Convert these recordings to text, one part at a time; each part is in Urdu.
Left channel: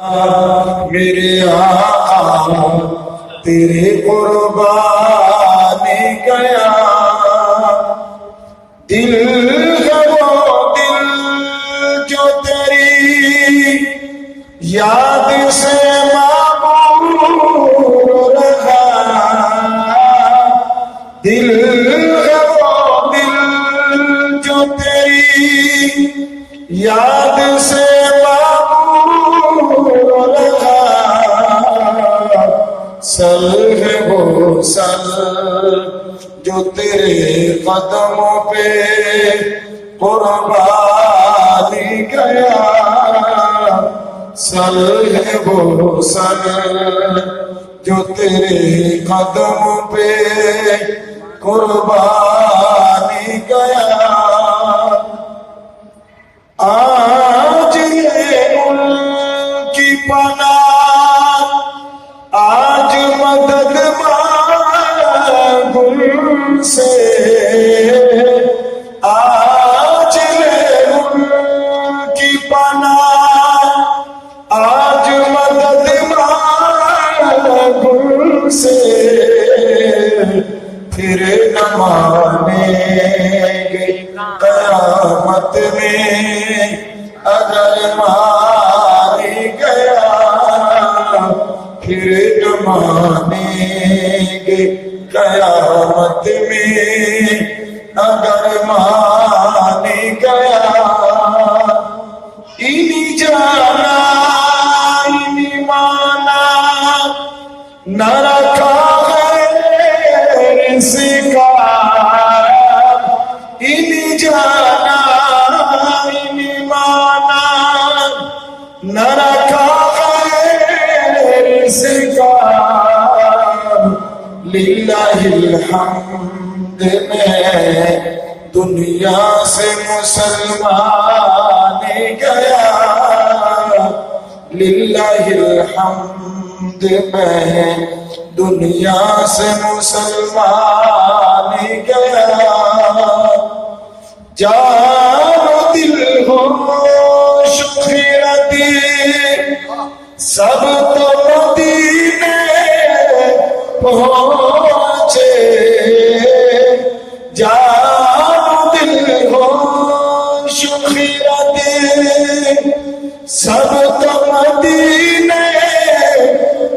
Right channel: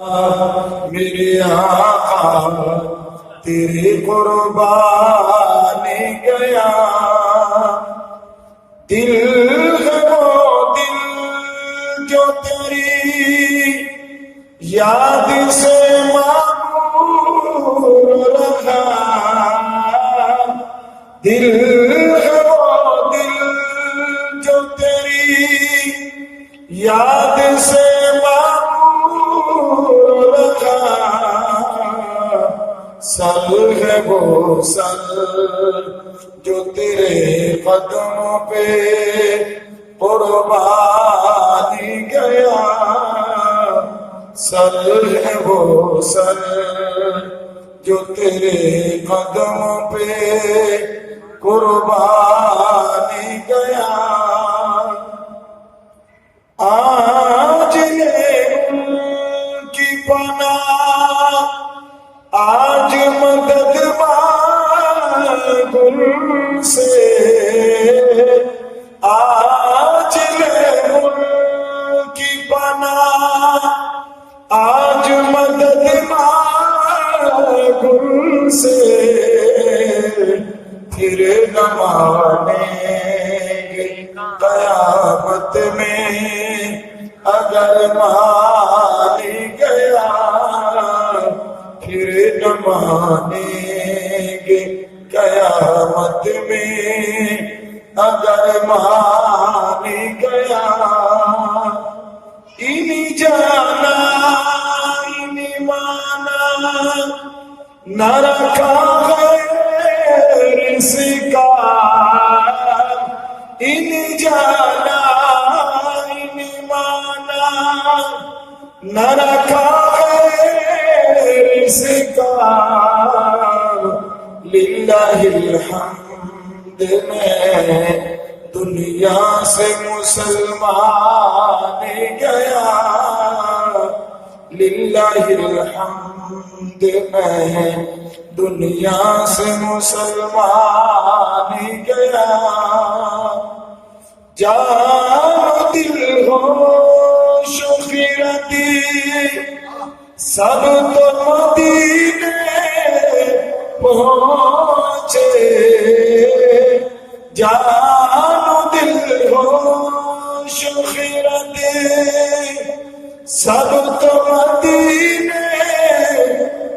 میرے آقا تیرے قربان گیا، دل ہے وہ دل جو تیری یاد سے معمور رہا، دل ہے وہ دل جو تیری یاد سے سل ہے وہ سل جو تیرے قدموں پہ قربانی گیا، سل ہے وہ سل جو تیرے قدموں پہ قربانی گیا۔ آج یہ ان کی پناہ، آج مدد مانگ ان سے، آج لے ان کی پناہ، آج مدد مانگ ان سے، پھر نہ مانیں گے قیامت میں اگر مانی گیا، پھر نہ مانیں گے قیامت میں اگر مانی گیا۔ اینی جانا اینی مانا نہ رکھا غیر سے کا، اینی جانا اینی مانا نہ رکھا للہ الحمد میں دنیا سے مسلمان گیا، للہ الحمد میں دنیا سے مسلمان گیا۔ جان و دل ہو شخیرتی سب تو مدینے پہنچے، جان دل ہو شخیرت سب تو مدینے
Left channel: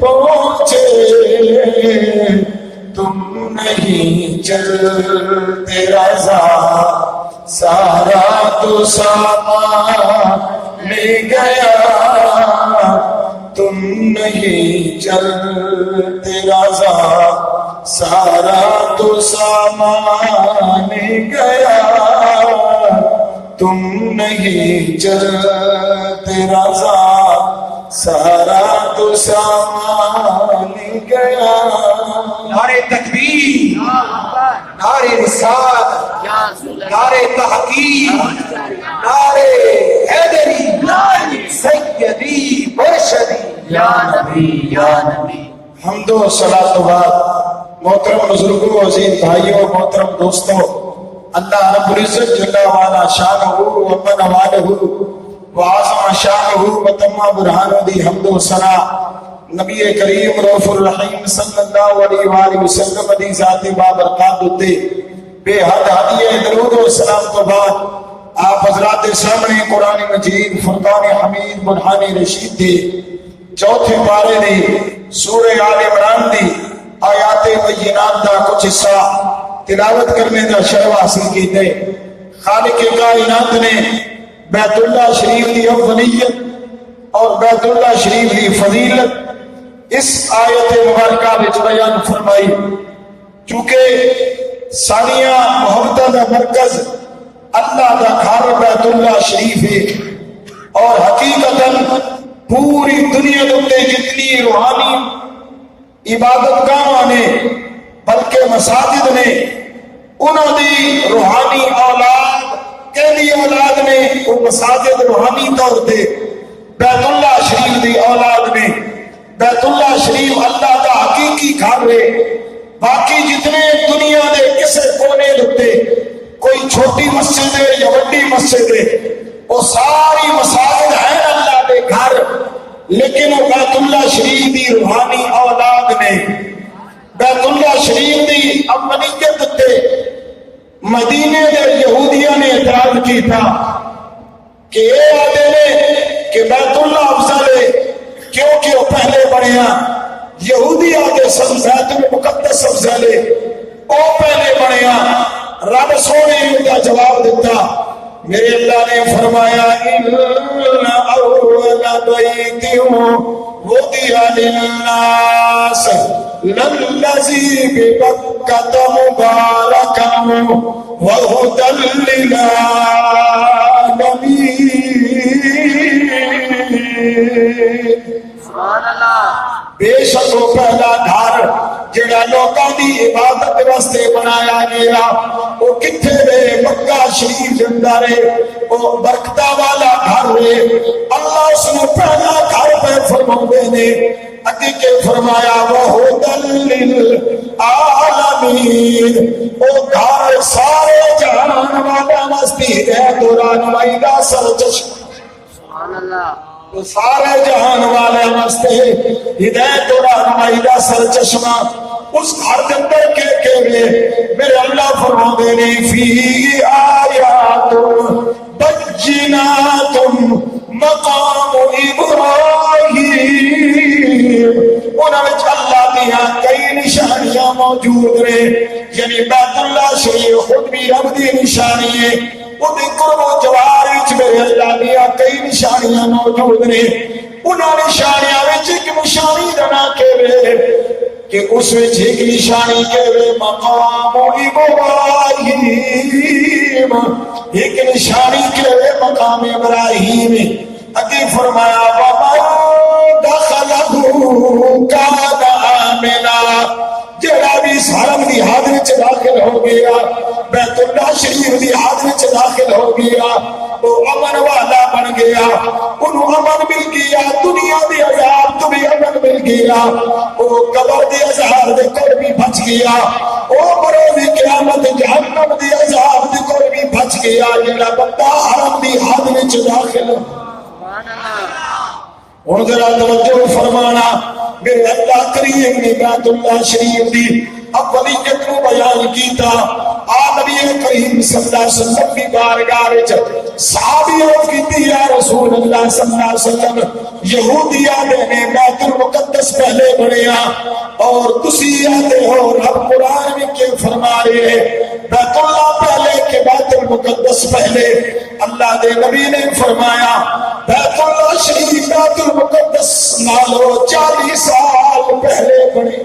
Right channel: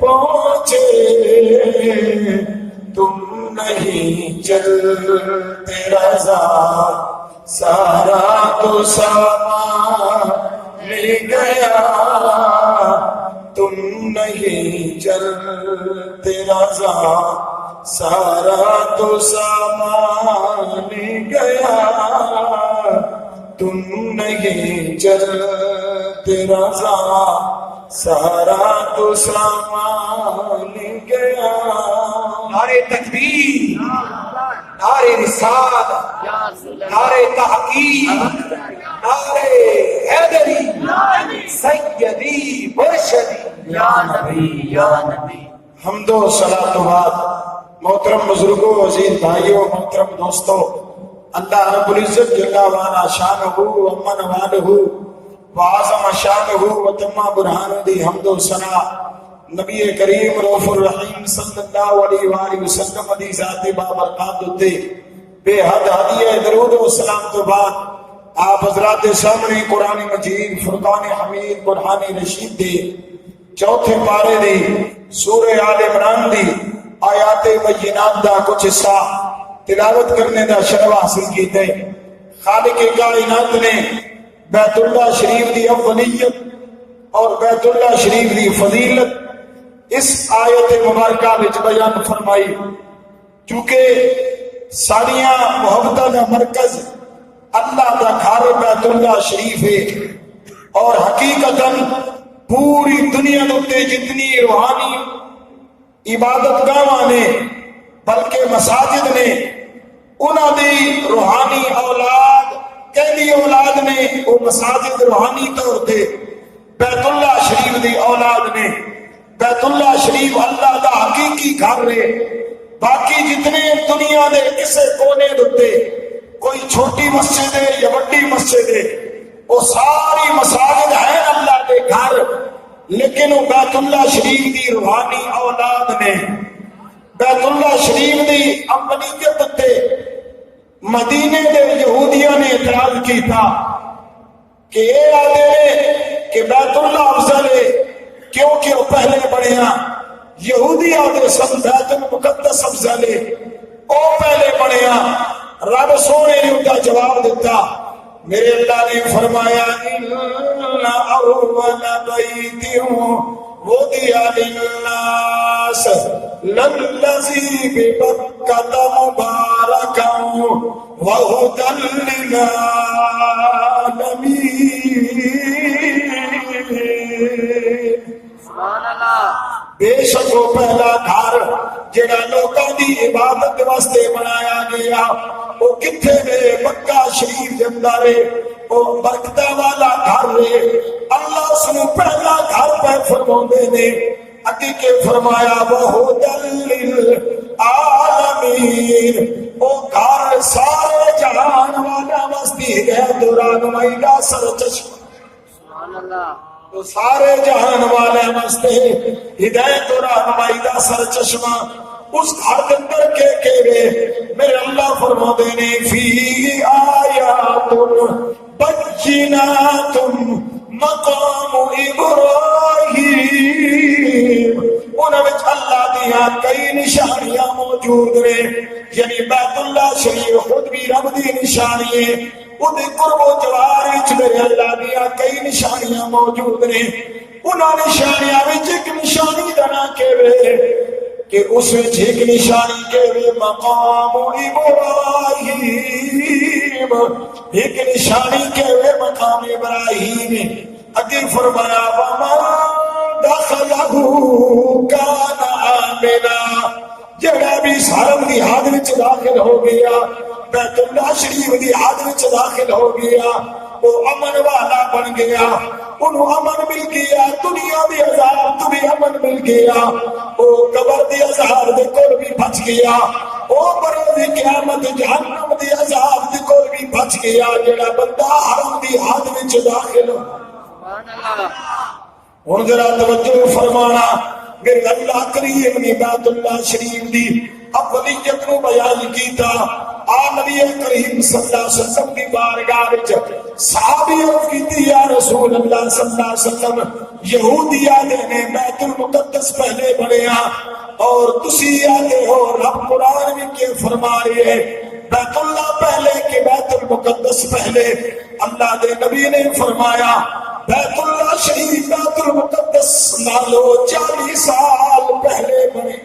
پہنچے، تم نہیں چلتے رضا سارا تو سامان لے گیا، تم نہیں چلتے رضا سارا تو سامان گیا، تم نہیں چلتے رضا سارا تو سامان گیا۔ نعرے تکبیر، نعرے رسالت، نعرے تحقیق، نعرے حیدری، سیدی مرشدی یا نبی یا نبی۔ حمد و صلاۃ و بعد محترم بزرگوں، عزیز بھائیوں، محترم دوستوں، اللہ رب العزت جل وعلا شانہ و من والہ و اعظم شانہ و تم برہانہ دی حمد و ثنا نبی کریم رؤوف الرحیم صلی اللہ علیہ وآلہ وسلم دی ذات بابرکات تے بے حد ہدیہ درود و سلام تو بعد آپ حضرات سامنے قرآن مجید فرقان حمید برہان رشید دے چوتھے پارے دی سورہ آل عمران دی آیات بینات دا کچھ حصہ تلاوت کرنے دا شرف حاصل کیتے۔ خالق کائنات نے بیت اللہ شریف دی اولیت اور بیت اللہ شریف دی فضیلت اس آیت مبارکہ وچ بیان فرمائی، چونکہ ساریاں محبتہ دا مرکز اللہ دا گھر بیت اللہ شریف ہے، اور حقیقتاً پوری دنیا دے جتنی روحانی عبادت گاہاں نے بلکہ مساجد نے انہوں دی روحانی اولاد کہلی اولاد نے وہ مساجد روحانی طور پہ بیت اللہ شریف دی اولاد نے، بیت اللہ شریف اللہ دا حقیقی گھر ہے۔ باقی جتنے دنیا دے کسے کونے دے کوئی چھوٹی مسجد ہے یا بڑی مسجد ہے، وہ ساری مساجد ہیں اللہ کے گھر، لیکن وہ بیت اللہ شریف دی روحانی اولاد نے بیت اللہ شریف دی امنیت تے مدینے دے یہودیاں نے اعتراض کیتا کہ اے آدھے نے کہ بیت اللہ افضل ہے کیونکہ وہ پہلے بنیا، یہودی آدھے سن بیت المقدس افضل ہے وہ پہلے بنیا۔ رب سونے نے ان کا جواب دیتا، میرے اللہ نے فرمایا ان اول بیت وضع للناس للذی ببکۃ مبارکا وہدی للعالمین۔ سبحان اللہ۔ بے شک وہ پہلا گھر جڑا لوکاں دی عبادت واسطے بنایا گیا وہ کتھے دے؟ مکہ شریف دے اندر وہ برکتاں والا گھر ہے۔ اللہ اس نو پہلا گھر پہ فرماندے نے، اگے کے فرمایا وہدی للعالمین، وہ گھر سارے جہان والا واسطے ہدایت و رہنمائی دا سرچشمہ۔ سبحان اللہ۔ تو سارے جہان والے واسطے ہدایت و رہنمائی دا سرچشمہ اس گھر دے اندر کے میرے اللہ فرماندے نے فی آیات بینات مقام ابراہیم، انہاں وچ اللہ دیاں کئی نشانیاں موجود نے، یعنی بیت اللہ شریف خود بھی رب دی نشانی ہے، وہ دیکھو وہ جواری چ میرے اللہ دیا کئی نشانیاں موجود نے۔ انہاں نشانیاں وچ ایک نشانی دا نام کہوے کہ اس وچ ایک نشانی کہوے مقام ابراہیم، ایک نشانی کہوے مقام ابراہیم۔ اگے فرمایا وَمَن دَخَلَهُ كَانَ آمِنًا، جڑا بھی حرم دی حد وچ داخل ہو گیا، بیت اللہ شریف دی حد وچ داخل ہو گیا، وہ امن والا بن گیا، انہوں امن مل گیا، دنیا دی عذاب تو بھی امن مل گیا، وہ قبر دی عذاب دے کول بھی بچ گیا، وہ بروز قیامت جہنم دی عذاب دے کول بھی بچ گیا جڑا بندہ حرم دی حد وچ داخل ہو۔ سبحان اللہ۔ اور ذرا توجہ فرمانا، میرے اللہ کریم نے بیت اللہ شریف دی اولیت کو بیان کیتا۔ نبی کریم صلی اللہ علیہ وسلم کی بارگاہ وچ صحابی عرض کیتی یا رسول اللہ صلی اللہ علیہ وسلم، یہودی آدھے نے بیت المقدس پہلے بنیا اور تسی آدھے ہو رب قرآن میں کیوں فرما رہے ہیں بیت اللہ پہلے کہ بیت المقدس پہلے؟ اللہ دے نبی نے فرمایا بیت اللہ شریف بیت المقدس نالو 40 سال پہلے بنی۔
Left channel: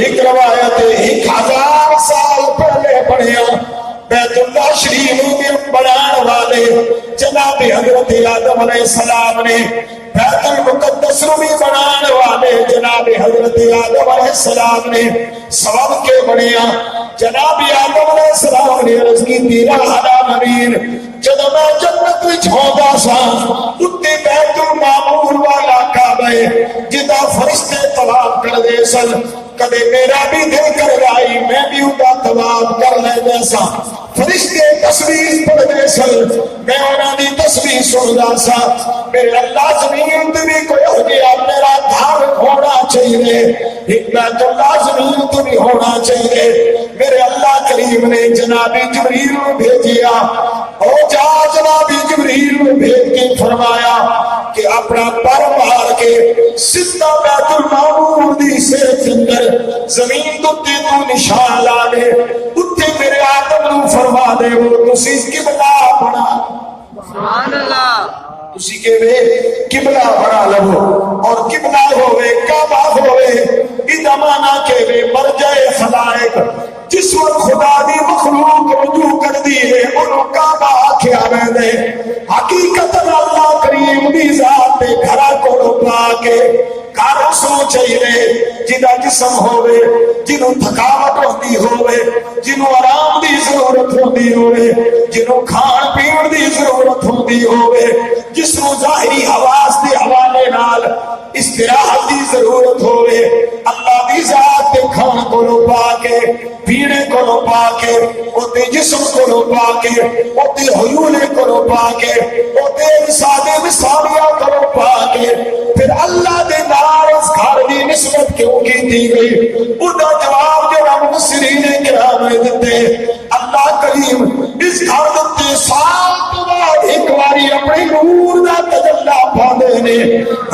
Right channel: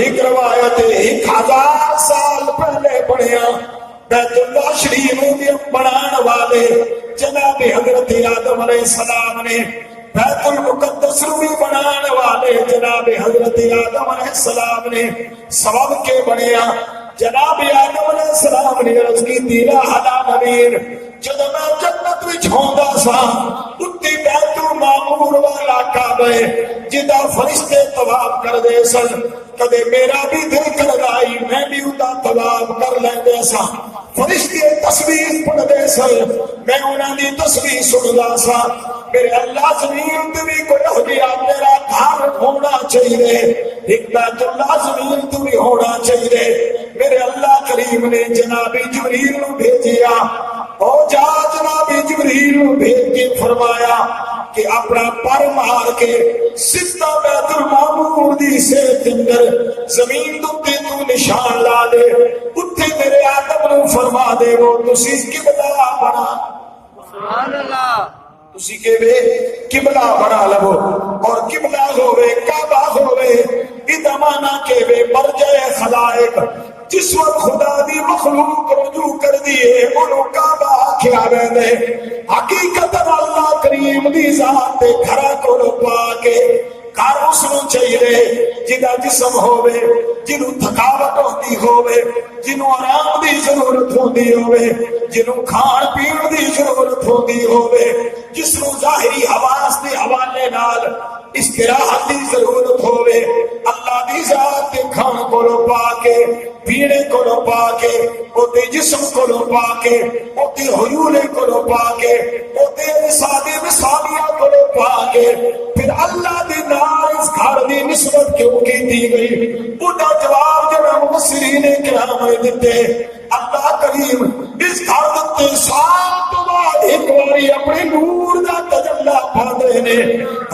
ایک روایت 1000 سال پہلے بنیا۔ بیت اللہ شریف بھی بنان والے جناب حضرت آدم علیہ السلام نے، بیت المقدس بھی بنان والے جناب حضرت آدم علیہ السلام نے، سبب کے بنیا جناب آدم علیہ السلام نے عرض کی تیرا حدا نبیر جدو میں جنت وچ ہوندا سا اُتے بیت المعمور والا کعبہ جدا فرشتے طواف کر دے سن، کدے میرا بھی دل کر رائی میں بھی اُدا طواف کر لے سا، فرشتے تسبیح پڑھ دے سن میں انہاں دی تسبیح سندا سا۔ میرے اللہ زمین تے بھی کوئی ہو گیا میرا گھر ہونا چاہیے، بیت اللہ زمین تو بھی ہونا چاہیے۔ میرے اللہ کریم نے جناب جبریل نو بھیجیا، او جا جناب جبریل نو بھیج کے فرمایا کہ اپنا پر مار کے سدھا بیت المعمور دی سیٹ اندر زمین تو نشان لا دے، اتھے میرے آدم نو فرما دے وہ تسی قبلہ بنا۔ سبحان اللہ۔ تسی کے وے قبلہ بنا لو اور قبلہ ہوئے کعبہ ہوئے ادا مانا کے وے مرجع خلائق، جس وقت خدا دی مخلوق رجوع کر دیئے انہوں کعبہ آکھیا بیندے، حقیقت اللہ کریم دی ذات دے گھرا کو پا کے کار اسنو چاہیے جدا جسم ہوئے، جنہوں تھکاوٹ ہوتی ہوئے، جنہوں آرام دی ضرورت ہوتی ہوئے، جنہوں کھان پین دی ضرورت ہوتی ہوئے، جسنوں ظاہری حواس دی حوالے نال استراحت دی ضرورت ہوئے، اللہ دی ذات دے کھان کو پا کے پینے کو پا کے اوتے جسم کو پا کے اوتے حیولے کو پا کے اوتے سادے مثالیاں کو پا کے پھر اللہ دے نال اس گھر دی نسبت کیوں کیتی گئی؟ اُدا جواب جو مفسرین نے کرام دتے اللہ کریم اس گھر دتے سال تو بعد ایک باری اپنے نور دا تجلی پاندے نے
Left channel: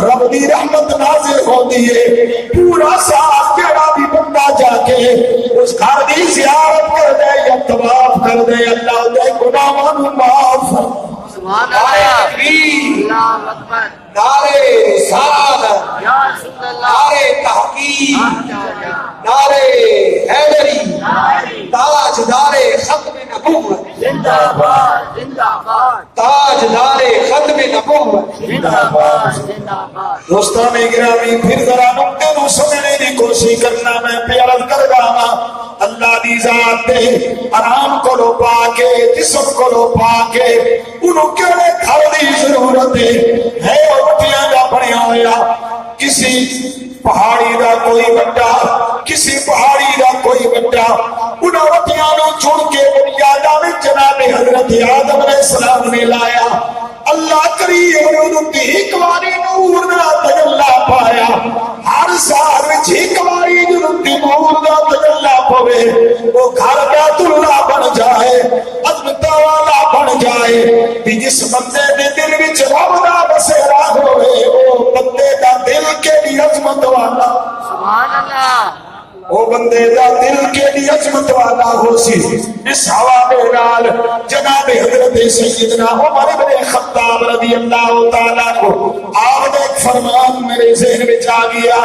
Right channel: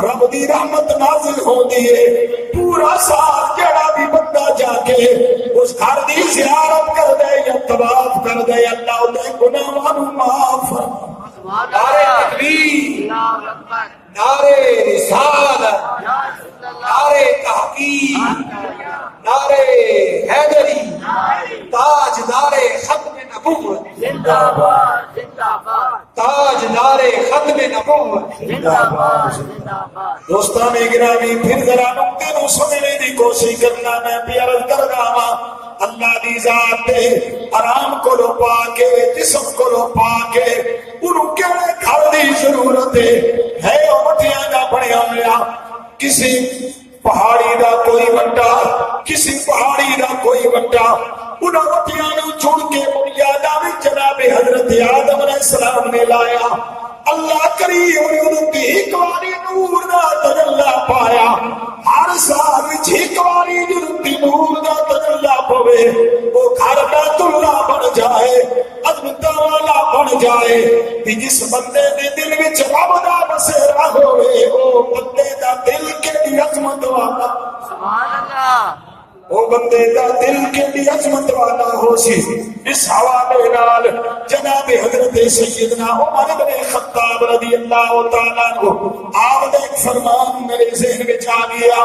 رب دی رحمت نازل ہوندی ہے پورا سال جڑا بھی بندہ جا کے اس گھر دی زیارت کر دے یا طواف کر دے اللہ دے گناہاں نوں معاف سبحان نعرہ اللہ تکبیر اللہ اکبر نعرہ رسالت یا رسول اللہ نعرہ تحقیق نعرہ حیدری تاجدار ختم نبوت زندہ باد زندہ باد تاجدار ختم نبوت زندہ باد زندہ باد دوستان گرامی پھر ذرا نقطے نو سمجھنے دی کوشش کرنا میں پیار کر گا اللہ دی ذات دے آرام کو لو پا کے جسم کو لو پا کے انہوں کیڑے گھر دی ضرورت ہے اوٹیاں دا بنیا ہوا کسی پہاڑی دا کوئی بڑا کسی پہاڑی دا کوئی بڑا انہوں اوٹیاں نو چھوڑ کے بنیادہ میں جناب حضرت آدم علیہ السلام نے لایا اللہ کریم انہوں کی ایک واری نور دا تجلی پایا ہر سال وچ ایک واری انہوں کی نور دا تجلی پوے وہ گھر بیت اللہ بن جائے عظمتاں والا بن جائے بھی جس بندے دے دل وچ رب دا بسیرا ہوئے وہ بندے دا دل کیڑی عظمت والا سبحان اللہ وہ بندے دا دل کیڑی عظمت والا ہو سی اس حوالے نال جناب حضرت سیدنا عمر بن خطاب رضی اللہ تعالیٰ کو آپ نے ایک فرمان میرے ذہن میں آ گیا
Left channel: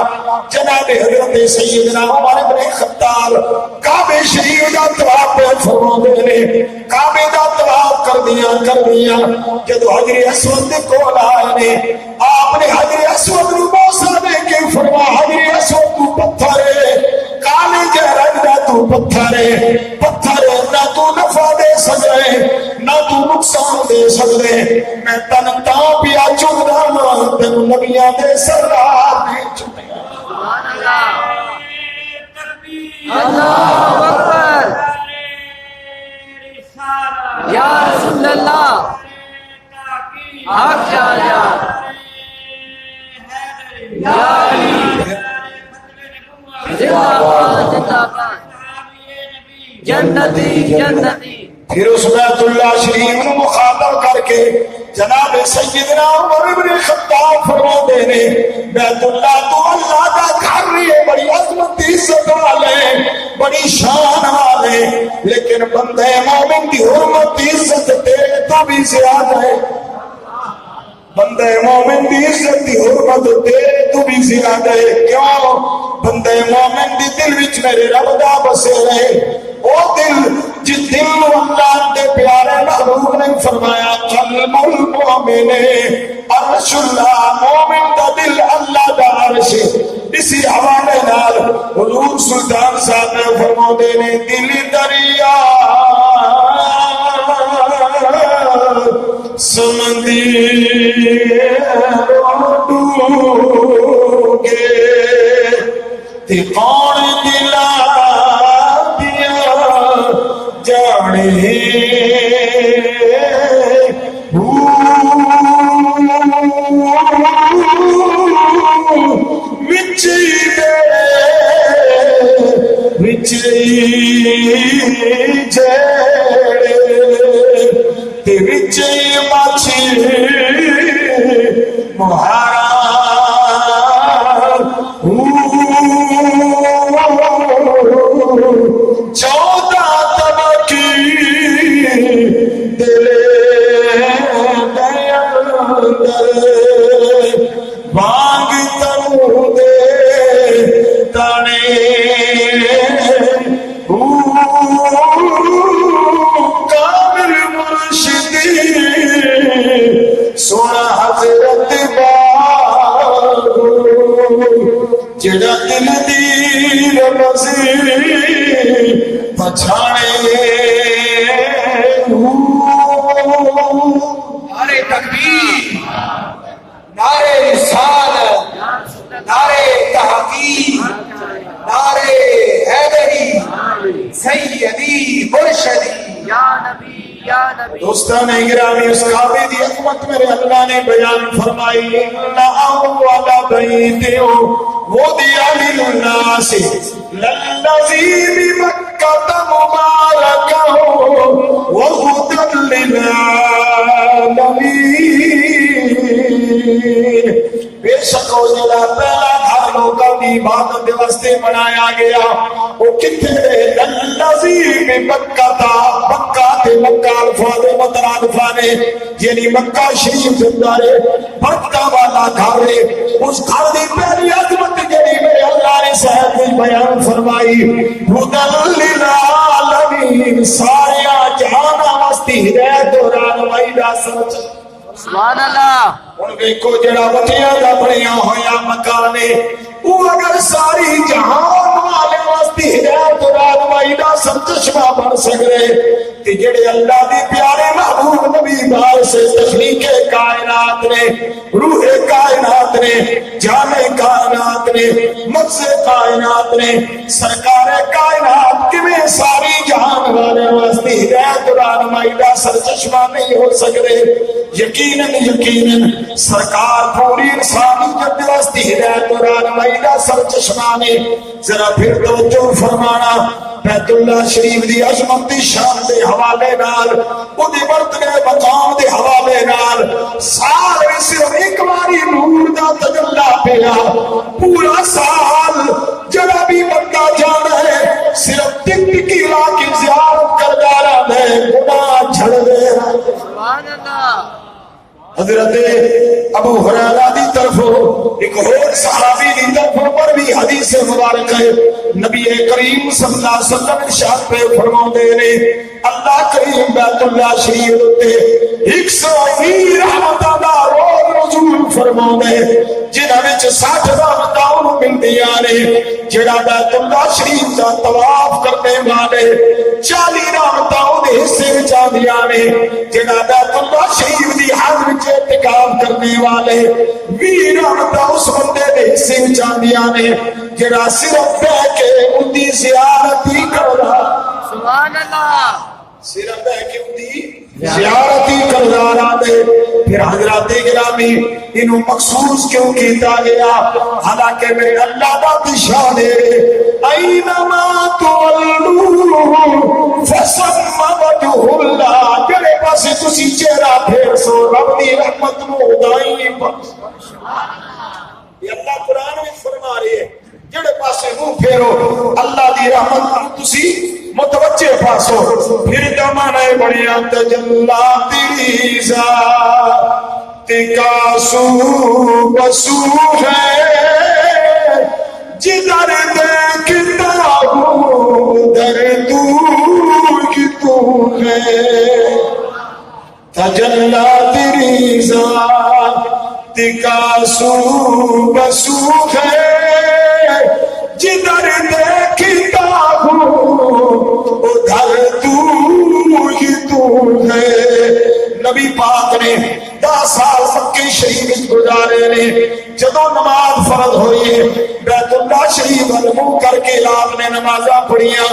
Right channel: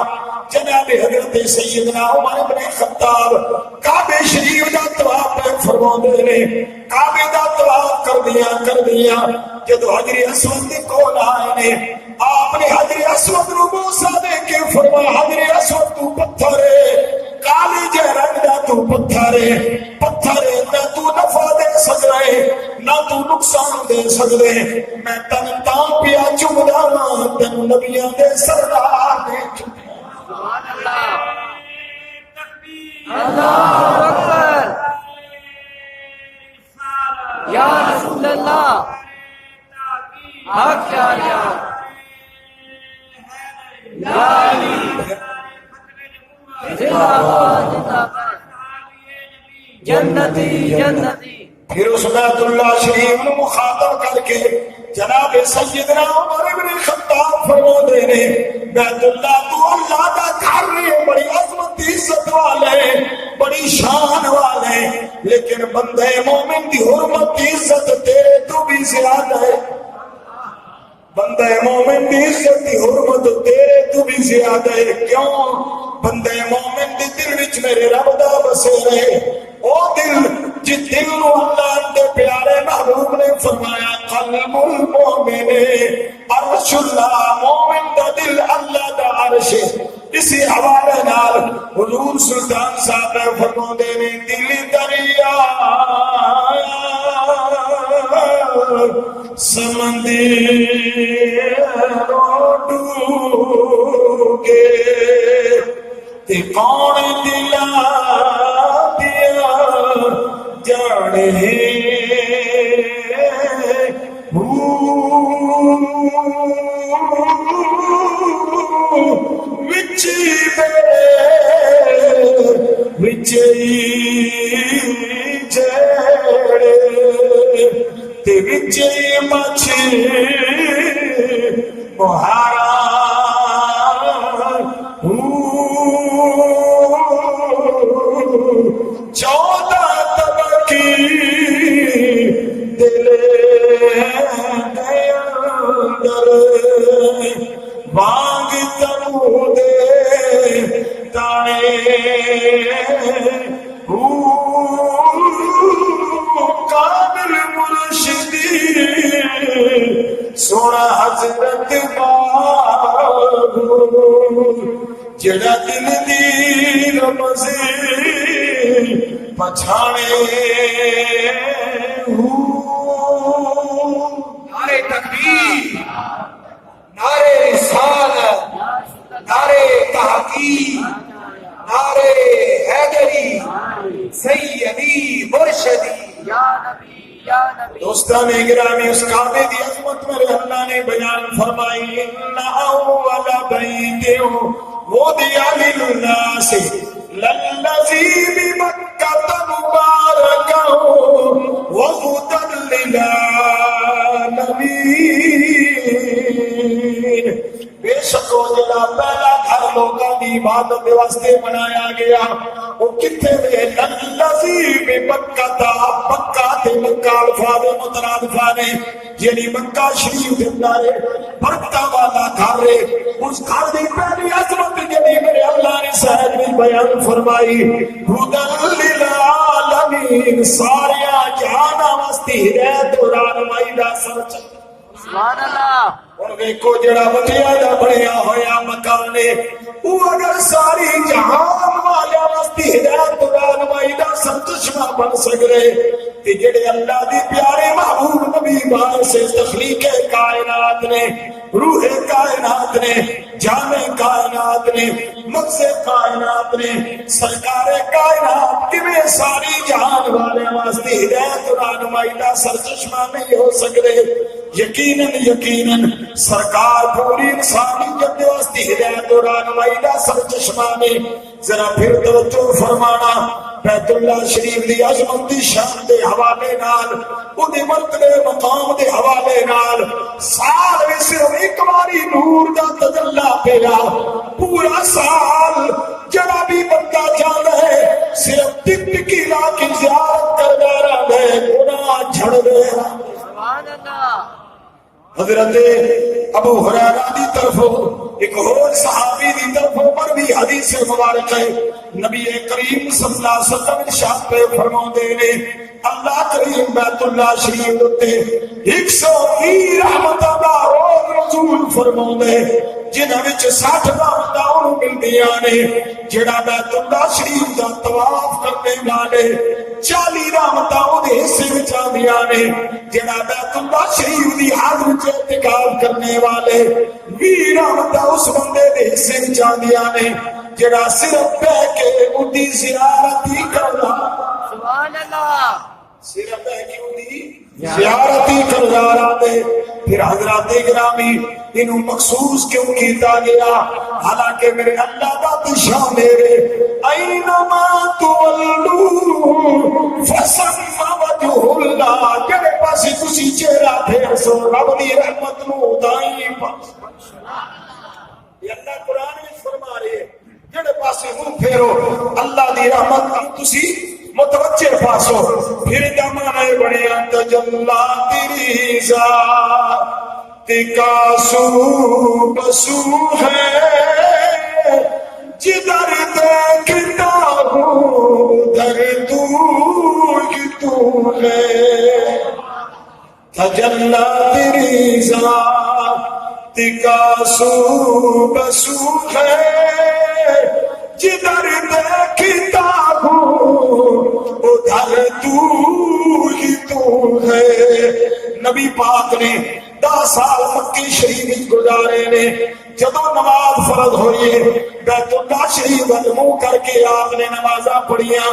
جناب حضرت سیدنا عمر بن خطاب کعبہ شریف دا طواف فرما دے نے کعبے دا طواف کر دیا جب حجر اسود دے کول آئے نے آپ نے حجر اسود نو بوسا دے کے فرما حجر اسود تو پتھر ہے کالے جے رنگ دا تو پتھر ہے نہ تو نفع دے سکے نہ تو نقصان دے سکے میں تن تاں پیا چومدا ہاں تینوں نبیاں دے سردار نے چومیا سبحان اللہ اللہ اکبر یا رسول اللہ حق جا یا علی زندہ باد زندہ باد جنتی جنتی پھر اس بیت اللہ شریف نو مخاطب کر کے جناب سیدنا عمر بن خطاب فرما دے نے بیت اللہ تو اللہ دا گھر ہے بڑی عظمت عزت والے بڑی شان والے لیکن بندے مومن دی حرمت عزت تیرے تو بھی زیادہ ہے بندے مومن دی عزت دی حرمت تیرے تو بھی زیادہ ہے کیوں بندے مومن دی دل وچ میرے رب دا بسے رہے او دل جس دل نو اللہ دے پیارے محبوب نے فرمایا قلب المؤمن عرش اللہ مومن دا دل اللہ دا عرش اسی حوالے نال حضور سلطان صاحب نے فرما دے نے دل دریا سمندی ڈوبے تے کون دلا دیا جانے نعرے تکبیر نعرے رسالت نعرے تحقیق نعرے حیدری یا نبی دوستان گرامی، اس کعبے دی عظمت میرے اللہ نے بیان فرمائی، ان اول بیت وضع للناس للذی بمکۃ مبارکا وہدی للعالمین۔ بے شک وہ جڑا پہلا گھر لوکاں دی عبادت دے واسطے بنایا گیا، وہ کتھے دے؟ للذی بمکۃ، مکہ تے مکہ الفاظ مترادفہ نے، یعنی مکہ شریف دے اندر برکتاں والا گھر ہے۔ اس گھر دی پہلی عظمت جڑی میرے اللہ نے صاحب نے بیان فرمائی، ہدی للعالمین، سارے جہاناں واسطے ہدایت اور رہنمائی دا سرچ۔ سبحان اللہ۔ ہن ویکھو جڑا وٹیاں دا بنیا ہویا مکان ہے، وہ اگر ساری جہان والے واسطے ہدایت اور رہنمائی دا سرچشمہ بن سکے تے جڑے اللہ دی پیارے محبوب نبی بار سے تخلیق کائنات نے، روح کائنات نے، جامع کائنات نے، مغز کائنات نے، سرکار کائنات کیویں ساری جہان والے واسطے ہدایت اور رہنمائی دا سرچشمہ نہیں ہو سکتے؟ یقیناً یقیناً سرکار پوری انسانیت دے واسطے ہدایت اور رہنمائی دا سرچشمہ نے۔ ذرا پھر توجہ فرمانا، بیت اللہ شریف دی عظمت دی شان دے حوالے نال، اودے مرتبے مقام دے حوالے نال، سال میں صرف ایک باری نور دا تجلی پیا، پورا سال جڑا بھی بندہ جانا ہے صرف ٹک ٹکی لا کی زیارت کردا رہندا ہے، گناہ جھڑ دے۔ سبحان اللہ۔ حضرت ابو ہریرہ دی طرف ایک اور صحابی دی طرف پر بھی حدیث مبارک ہے، نبی کریم صلی اللہ علیہ وسلم ارشاد پہ فرماندے نے، اللہ کریم بیت اللہ شریف تے 120 رحمتاں دا روز نزول فرماندے، جنہاں وچ 60 رحمتاں انہوں ملدیاں نے۔ جڑا بیت اللہ شریف دا طواف کرنے والے 40 رحمتاں اودے حصے وچ آندیاں نے۔ جڑا بیت اللہ شریف دی حد وچ اعتکاف کرنے والے 20 رحمتاں اس بندے دے حصے وچ آندیاں نے جڑا صرف بیٹھ کے ان دی زیارت ہی کردا۔ سبحان اللہ۔ صرف بیٹھ کے ان دی زیارت ہی کردا رہندے۔ پھر حضرات گرامی انہوں مخصوص کیوں کیتا گیا؟ حالانکہ میرے اللہ دا شان ہے، اینما تولو فثم وجہ اللہ، جڑے پاسے تسی چہرہ پھیر سو رب دی رحمت نو دائیں پر۔ یہ اللہ قرآن میں فرما رہے ہیں، جڑے پاسے منہ پھیرو اللہ دی رحمت نو تسی متوجہ پاسو۔ پھر دمانے بڑیاں تجلا تیری ذات کا سو بسو ہے، جدھر دیکھتا ہوں ادھر تو ہی تو ہے، تجلا تیری ذات کا سو بسو ہے، جدھر دیکھتا ہوں ادھر تو ہی تو ہے۔ نبی پاک نے 10 سال مکہ شریف گزارے نے، جدوں نماز فرض ہوئی بیت اللہ شریف منہ کر کے آپ نے نمازاں پڑھیاں،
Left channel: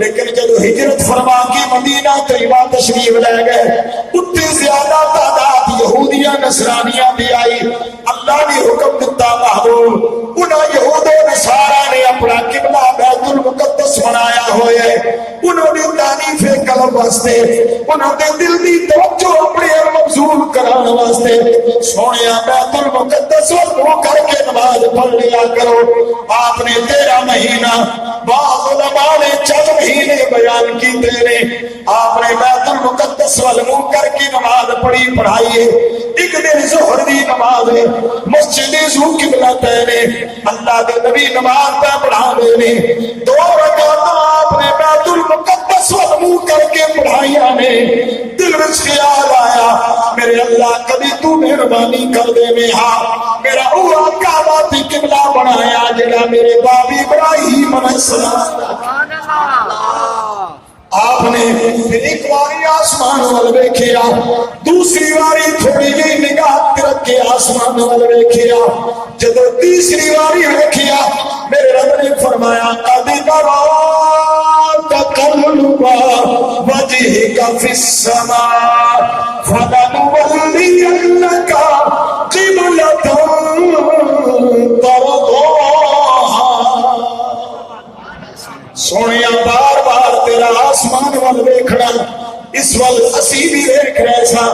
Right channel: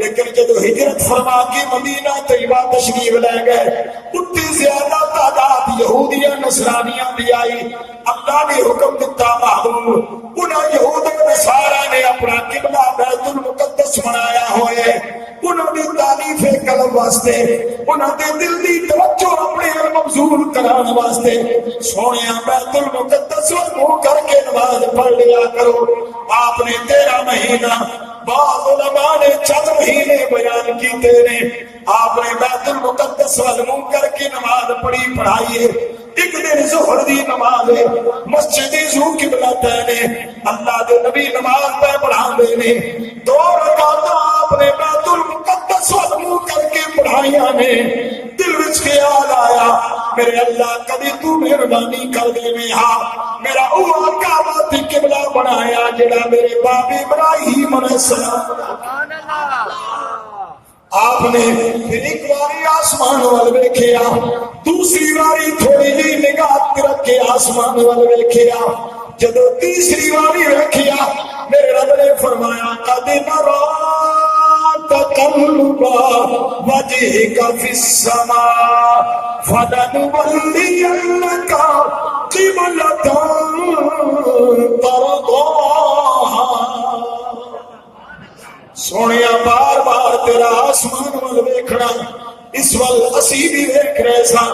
لیکن جدوں ہجرت فرما کے مدینہ طیبہ تشریف لے گئے، اتنی زیادہ تعداد یہودیاں نصرانیاں بھی آئی۔ اللہ نے حکم دیتا محبوب، انہاں یہود و نصارا نے اپنا قبلہ بیت المقدس بنایا ہوئے، انہوں نے تعریف قلب واسطے، انہوں نے دل دی توجہ اپنے مبذول کرانے واسطے سونیا بیت المقدس منہ کر کے نماز پڑھ لیا کرو۔ آپ نے 13 مہینہ، بعض علماء نے 4 مہینے بیان کیتے نے، آپ نے بیت المقدس منہ کر کے نماز پڑھی پڑھائی ہے۔ ایک دن ظہر دی نماز ہے، مسجد ذو قبلہ نے اللہ دے نبی نماز پہ پڑھا نے، 2 رکعت آپ نے بیت المقدس منہ کر کے پڑھائیاں نے۔ دل وچ خیال آیا میرے اللہ کبھی تو مہربانی کر دے میں، ہاں میرا اوہ کعبہ تے قبلہ بنایا جڑا میرے باپ ابراہیم علیہ السلام۔ سبحان اللہ۔ آپ نے پھر ایک باری آسمان وال ویکھیا، دوسری باری تھوڑی جی نگاہ رکھ کے آسمان وال ویکھیا، جدو تیسری باری ویکھیا میرے رب نے فرمایا قد نرا تقلب وجهك وجهك في السماء فلنولينك قبلة ترضاها سونیا بار بار تیرا آسمان وال ویکھنا اس وال اسی بھی ویکھ رہے سا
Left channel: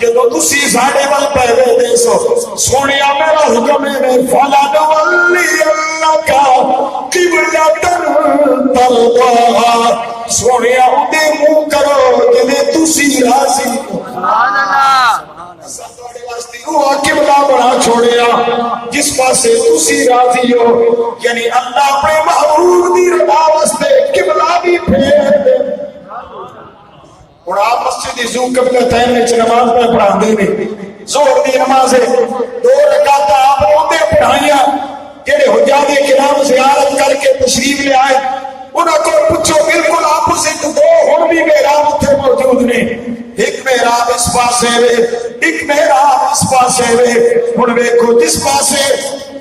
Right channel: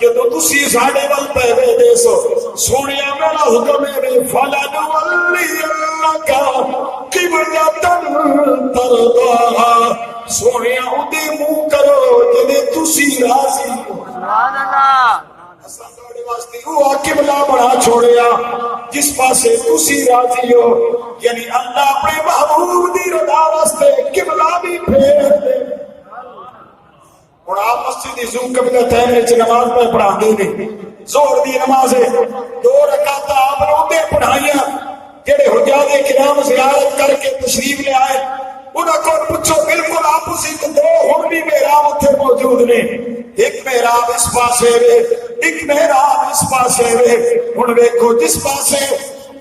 جدو تسی ساڈے وال پے دے سو سونیا میرا حکم ہے فلنولينك قبلة ترضاها سونیا اودے منہ کرو جے تسی راضی سبحان اللہ وہ قبلہ بنا چھوڑیا جس پاسے تسی راضی ہو یعنی اللہ اپنے محبوب دی رضا واسطے قبلہ بھی پھیر دے اور آپ مسجد ذو قبلتین وچ نماز پہ پڑھاندے نے ظہر دی نماز ہے 2 رکعت آپ نے پڑھائیاں جڑے حجاج کرام زیارت کر کے تشریف لے آئے انہاں کو پوچھو بالکل اپوزٹ 2 ہن بھی محراب اتنے موجود نے ایک محراب اس پاسے وے ایک محراب اس پاسے وے ہن ویکھو جس پاسے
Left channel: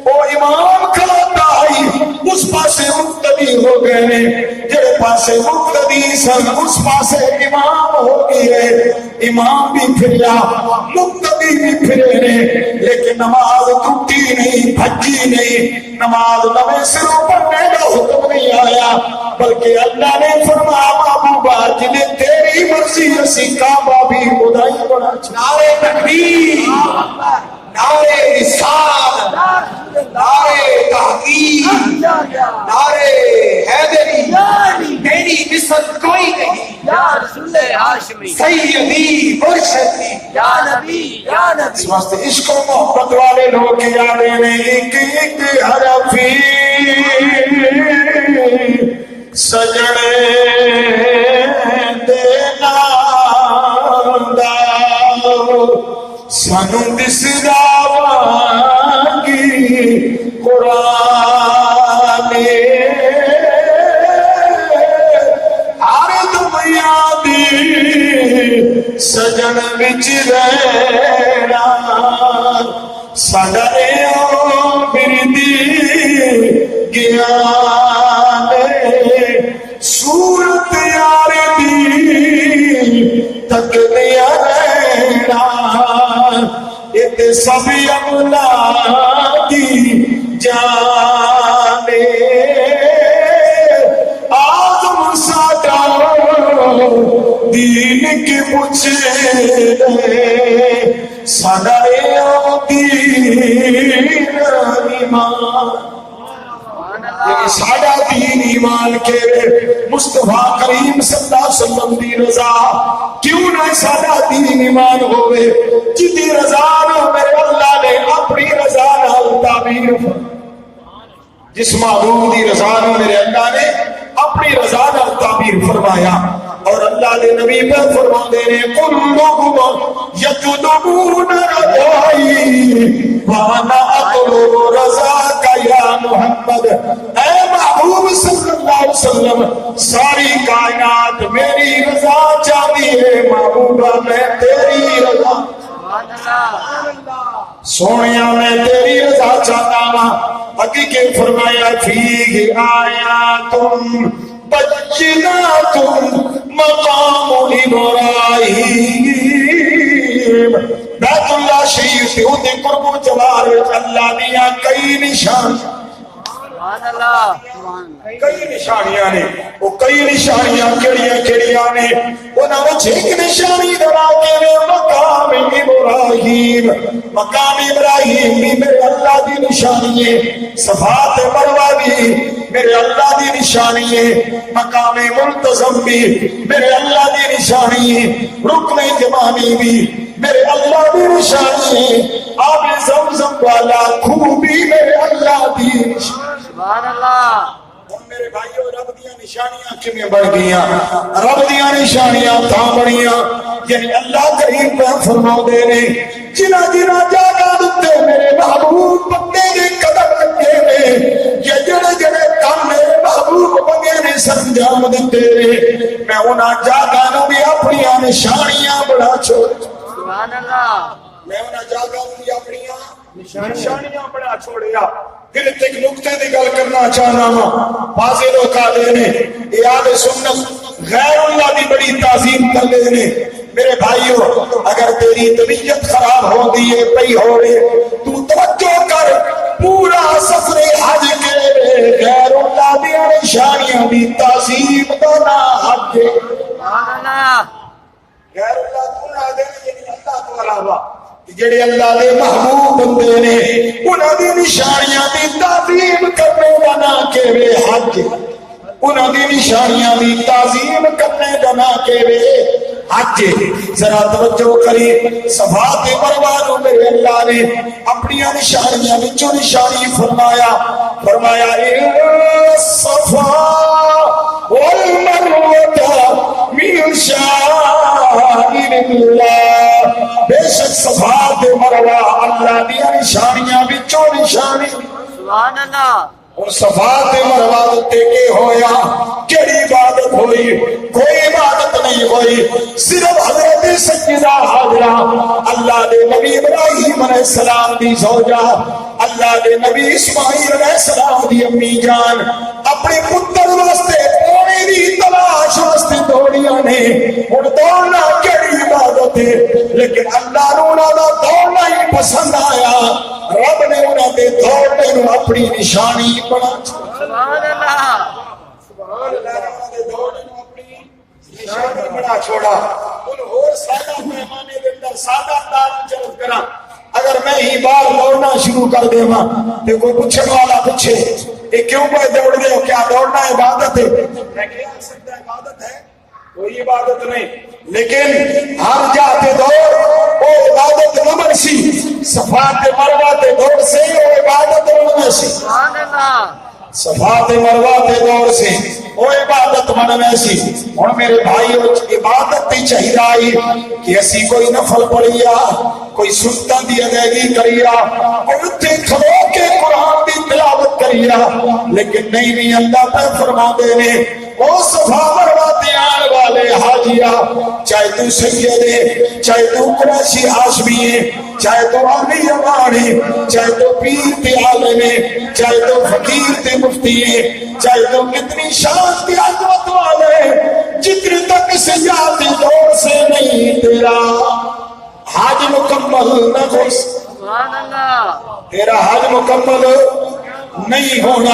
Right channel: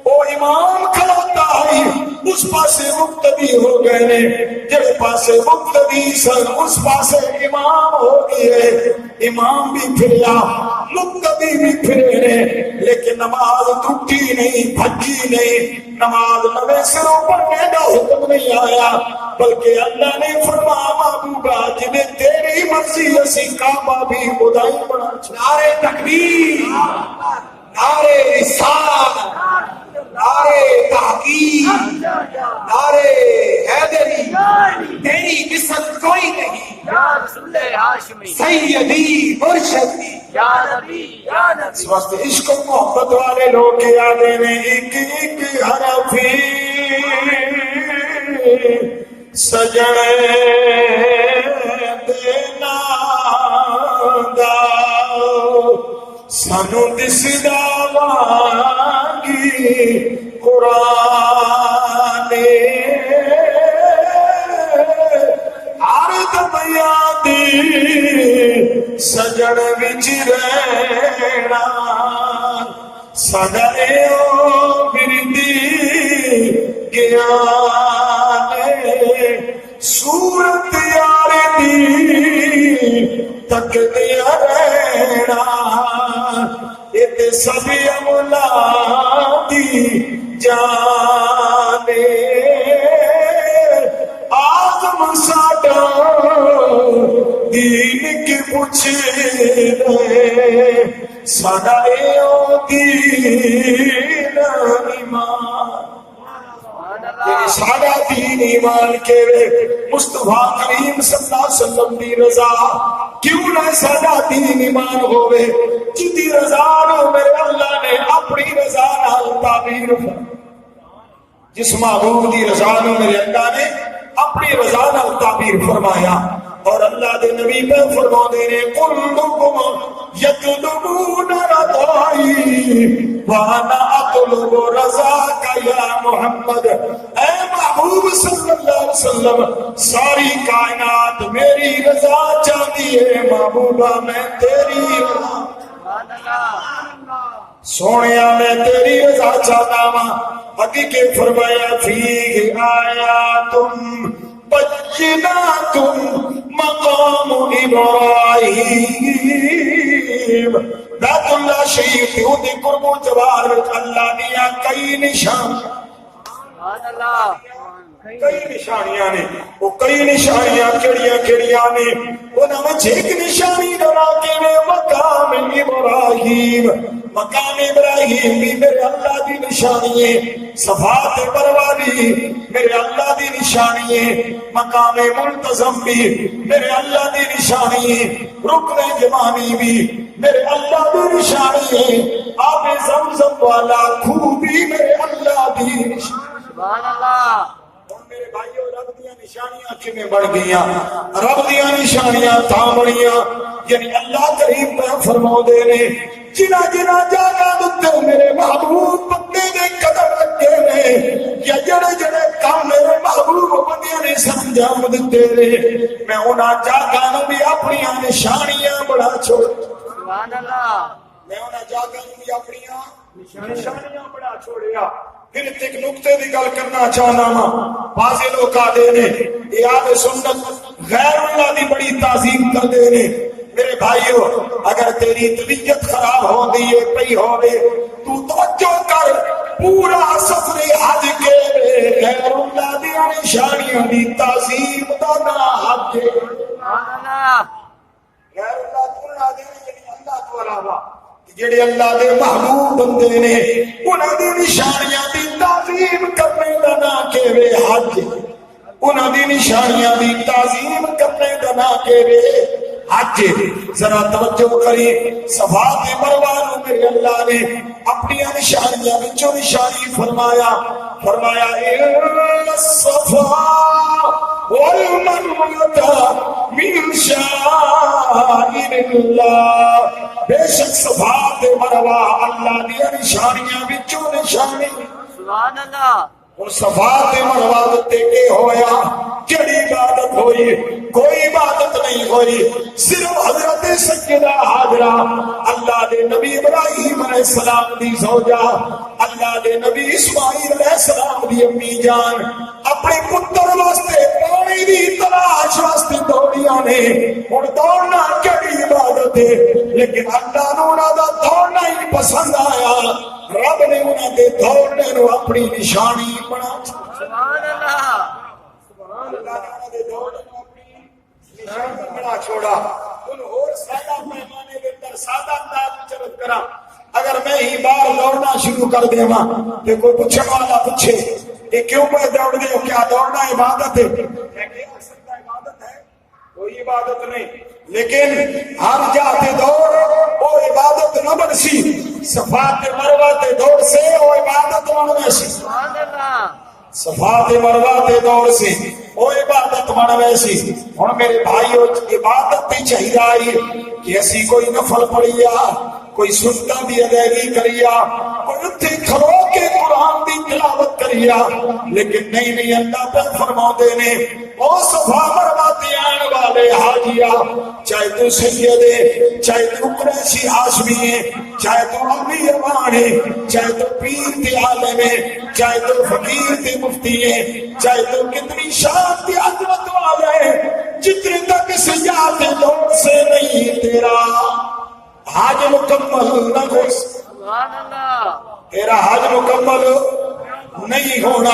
او امام کھڑا آئی اس پاسے مقتدی ہو گئے نے جڑے پاسے مقتدی سن اس پاسے امام ہو گئے امام بھی پھریا مقتدی بھی پھرے نے لیکن نماز ٹوٹی نہیں بھجی نہیں نماز نویں سروں پڑھنے کا حکم نہیں آیا بلکہ اللہ نے فرمایا محبوبہ جنہیں تیری مرضی اسی کعبہ بھی خدائی بنا نعرے تکبیر نعرے رسالت نعرے تحقیق نعرے حیدری تیری مثل کوئی نہیں یا رسول ہاشمی سیدی مرشدی یا نبی یا نبی اس واسطے عشق و محبت والے لوگ یاد نے ایک ایک حرفی سجنے دینا دا سانو دسدا وانگی قرآن ہر دمیا دی سجن وچ رہنا ساڈا ایو بردی گیان صورت یار دی تک دیا رہنا تے سب اولادی جانے آزم ساڈا دین کی پوچھے ساڈا ایو دین ایمان یعنی ساڈا دین ایمان کے مصطفیٰ کریم صلی اللہ علیہ وسلم دی رضا کیوں نہ ساڈا دین ایمان ہوئے جدی رضا نو میرے اللہ نے اپنی رضا نال تعبیر جس محبوب دی رضا نو میرے اللہ نے اپنی رضا نال تعبیر فرمایا اور اللہ دے نبی پہ فرما دے رہے کلکم یطلبون رضائی وانا اطلب رضاک یا محمد اے محبوب صلی اللہ علیہ وسلم ساری کائنات میری رضا چاہتی ہے محبوبہ میں تیری رضا سونیا میں تیری رضا چاہتا ہوں اگے کے فرمایا فیہ آیاتم بیناتم مقام ابراہیم بیت اللہ شریف سے ہوتے قرب و جوار اللہ دیا کئی نشان کئی نشانیاں نے وہ کئی نشانیاں کیڑیاں نے انہاں وچ ایک نشانی دبا کے مقام ابراہیم بھی میرے اللہ دی نشانی ہے صفات مروہ بھی میرے اللہ دی نشانی ہے مقام منتظم بھی میرے اللہ دی نشانی ہے رکن جمانی بھی میرے اللہ دی نشانی ہے آب زمزم والا خوب بھی میرے اللہ دی نشانی سبحان اللہ میرے بھائیو رب دیاں نشانیاں کیویں بڑھ گئیاں رب دیاں نشانیاں تھا بڑیاں یعنی اللہ کریم پہ فرماؤ دے رہے جنا جنا جاگا دتے میرے محبوب بندے دے قدر لگے نے یا جڑے جڑے کام میرے محبوب بندے نے سرانجام دتے رہے میں انہاں جاگا نو بھی اپنی نشانیاں بڑھا چھوڑ سبحان اللہ میں انہاں جاگا نو بھی اپنی نشانیاں بڑھا چھوڑیا پھر ایک نقطے دی گل کرنا چاہنا ہوں بعض لوگ آدھے نے یہ آدھے سنت غیر اللہ دی بڑی تعظیم کر لے نے میرے بھائیو اگر تیری طبیعت خراب ہو گئی ہے پئی ہو رہے تو توجہ کر پورا سفر حج کے غیر اللہ دی نشانیاں دی تعظیم دا نا حج سبحان اللہ غیر اللہ تو نہ دے یعنی اللہ تو علاوہ جڑے اللہ دے محبوب بندے نے انہاں دی نشانیاں دی تعظیم کرنے دا نا کہوے حج انہاں دی نشانیاں دی تعظیم کرنے دا نا کہوے حج ذرا توجہ کری صفا تے مروہ نو میرے اللہ نے اپنی نشانیاں وچوں نشانی فرمایا الصفا والمروہ من شعائر اللہ بے شک صفا تے مروہ اللہ دی نشانیاں وچوں نشانی سبحان اللہ اور صفا تے مروہ تے کے ہویا کیڑی عبادت ہوئی کوئی عبادت نہیں ہوئی صرف حضرت سیدہ حاجرہ اللہ دے نبی ابراہیم علیہ السلام دی زوجہ اللہ دے نبی اسماعیل علیہ السلام دی امی جان اپنے پتر واسطے پانی دی تلاش واسطے دوڑیاں نے ہن دوڑنا کیڑی عبادت ہے لیکن اللہ نو انہاں دا دوڑنا ہی پسند آیا رب نے انہاں دے دوڑنے نو اپنی نشانی بنا سبحان اللہ سبحان اللہ انہاں دے دوڑنے نو اپنی نشانی بنا چھوڑا ان اور سادہ پیمانے دے اندر سادہ انداز چلت کراں اگر میں ہی بار دوڑنا شروع کر دیواں تے کوئی پوچھن والا پوچھے یہ کیوں پہ دوڑ گئے ہو کیا دوڑنا عبادت ہے میں کہہ سکتا عبادت ہے کوئی عبادت نہیں لیکن ہر جاتے دوڑ وہ عبادت نہ بنسی صفا تے مروہ تے دوڑ سے وہ عبادت بننے سی سبحان اللہ صفا تے مروہ تے دوڑ سے وہ عبادت بننے سی ہن میرے بھائیو عبادت تی چاہیے آئی کہ اسی کوئی نفل پڑھیا کوئی سنتاں دی ادائیگی کریا کوئی اتھے کھلو کے قرآن دی تلاوت کریا لیکن نہیں اللہ پہ فرما دے نے وہ صفا مروہ تے آن والے حاجیہ چاہے تو سیدے چاہے تو قریشی ہاشمی چاہے تو علی امانی چاہے تو پیر تے عالم چاہے تو فقیر تے مفتی چاہے تو کتنی شان تے عظمت والے جتنی تک سیاحت دور سے نہیں تیرا حج مکمل نہ ہو سبحان اللہ تیرا حج مکمل نہیں ہونا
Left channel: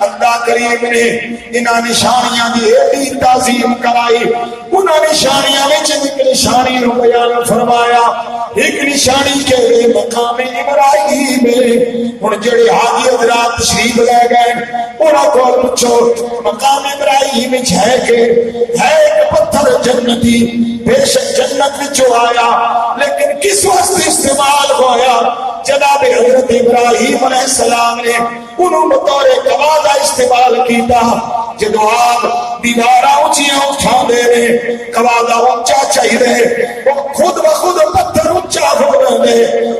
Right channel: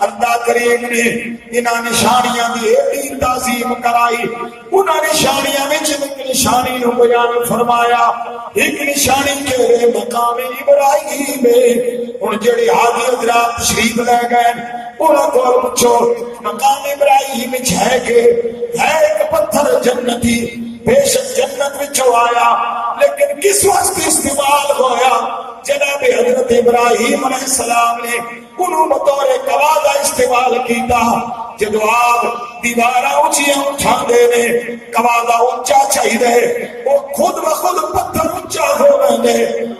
اللہ کریم نے انہاں نشانیاں دی ایڈی تعظیم کرائی انہاں نشانیاں وچ ایک نشانی نو بیان فرمایا ایک نشانی کے مقام ابراہیم ہن جڑے حاجی حضرات تشریف لے گئے انہاں کول پوچھو مقام ابراہیم وچ ہے کہ ہے ایک پتھر جنتی بے شک جنت وچوں آیا لیکن کس واسطے استعمال ہویا جناب حضرت ابراہیم علیہ السلام نے انہوں بطور گواہ استعمال کیتا جدو آپ دیوارہ اونچیاں اٹھا دے رہے گواہ اونچا چاہیے وہ خود بخود پتھر اونچا ہو رہے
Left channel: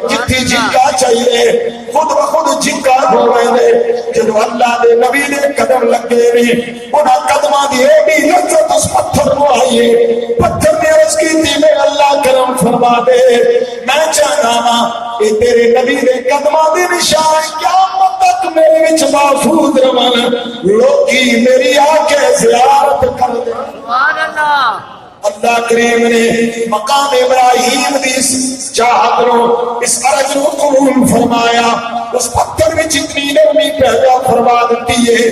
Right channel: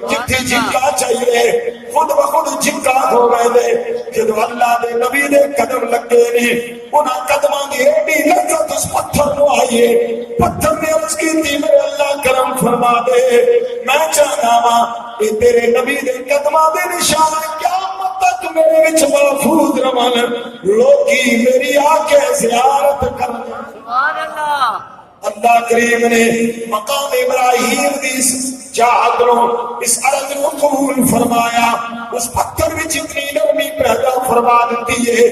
جتنی جھنکا چاہیے خود بخود جھنکا ہو رہے جدو اللہ دے نبی دے قدم لگے رہے انہاں قدمہ دی ایڈی لذت اس پتھر کو آئیے پتھر نے عرض کی تھی میں اللہ کرم فرما دے میں چاہنا ماں اے تیرے نبی دے قدمہ دے نشان کیا تک میرے وچ محفوظ رہن لوگی میری آنکھ زیارت کر دے سبحان اللہ اللہ کریم نے مقام ابراہیم دی چاہت رو اس عرض رو قبول فرمایا اس پتھر میں جتنی نرمی پیدا فرما دیتی ہے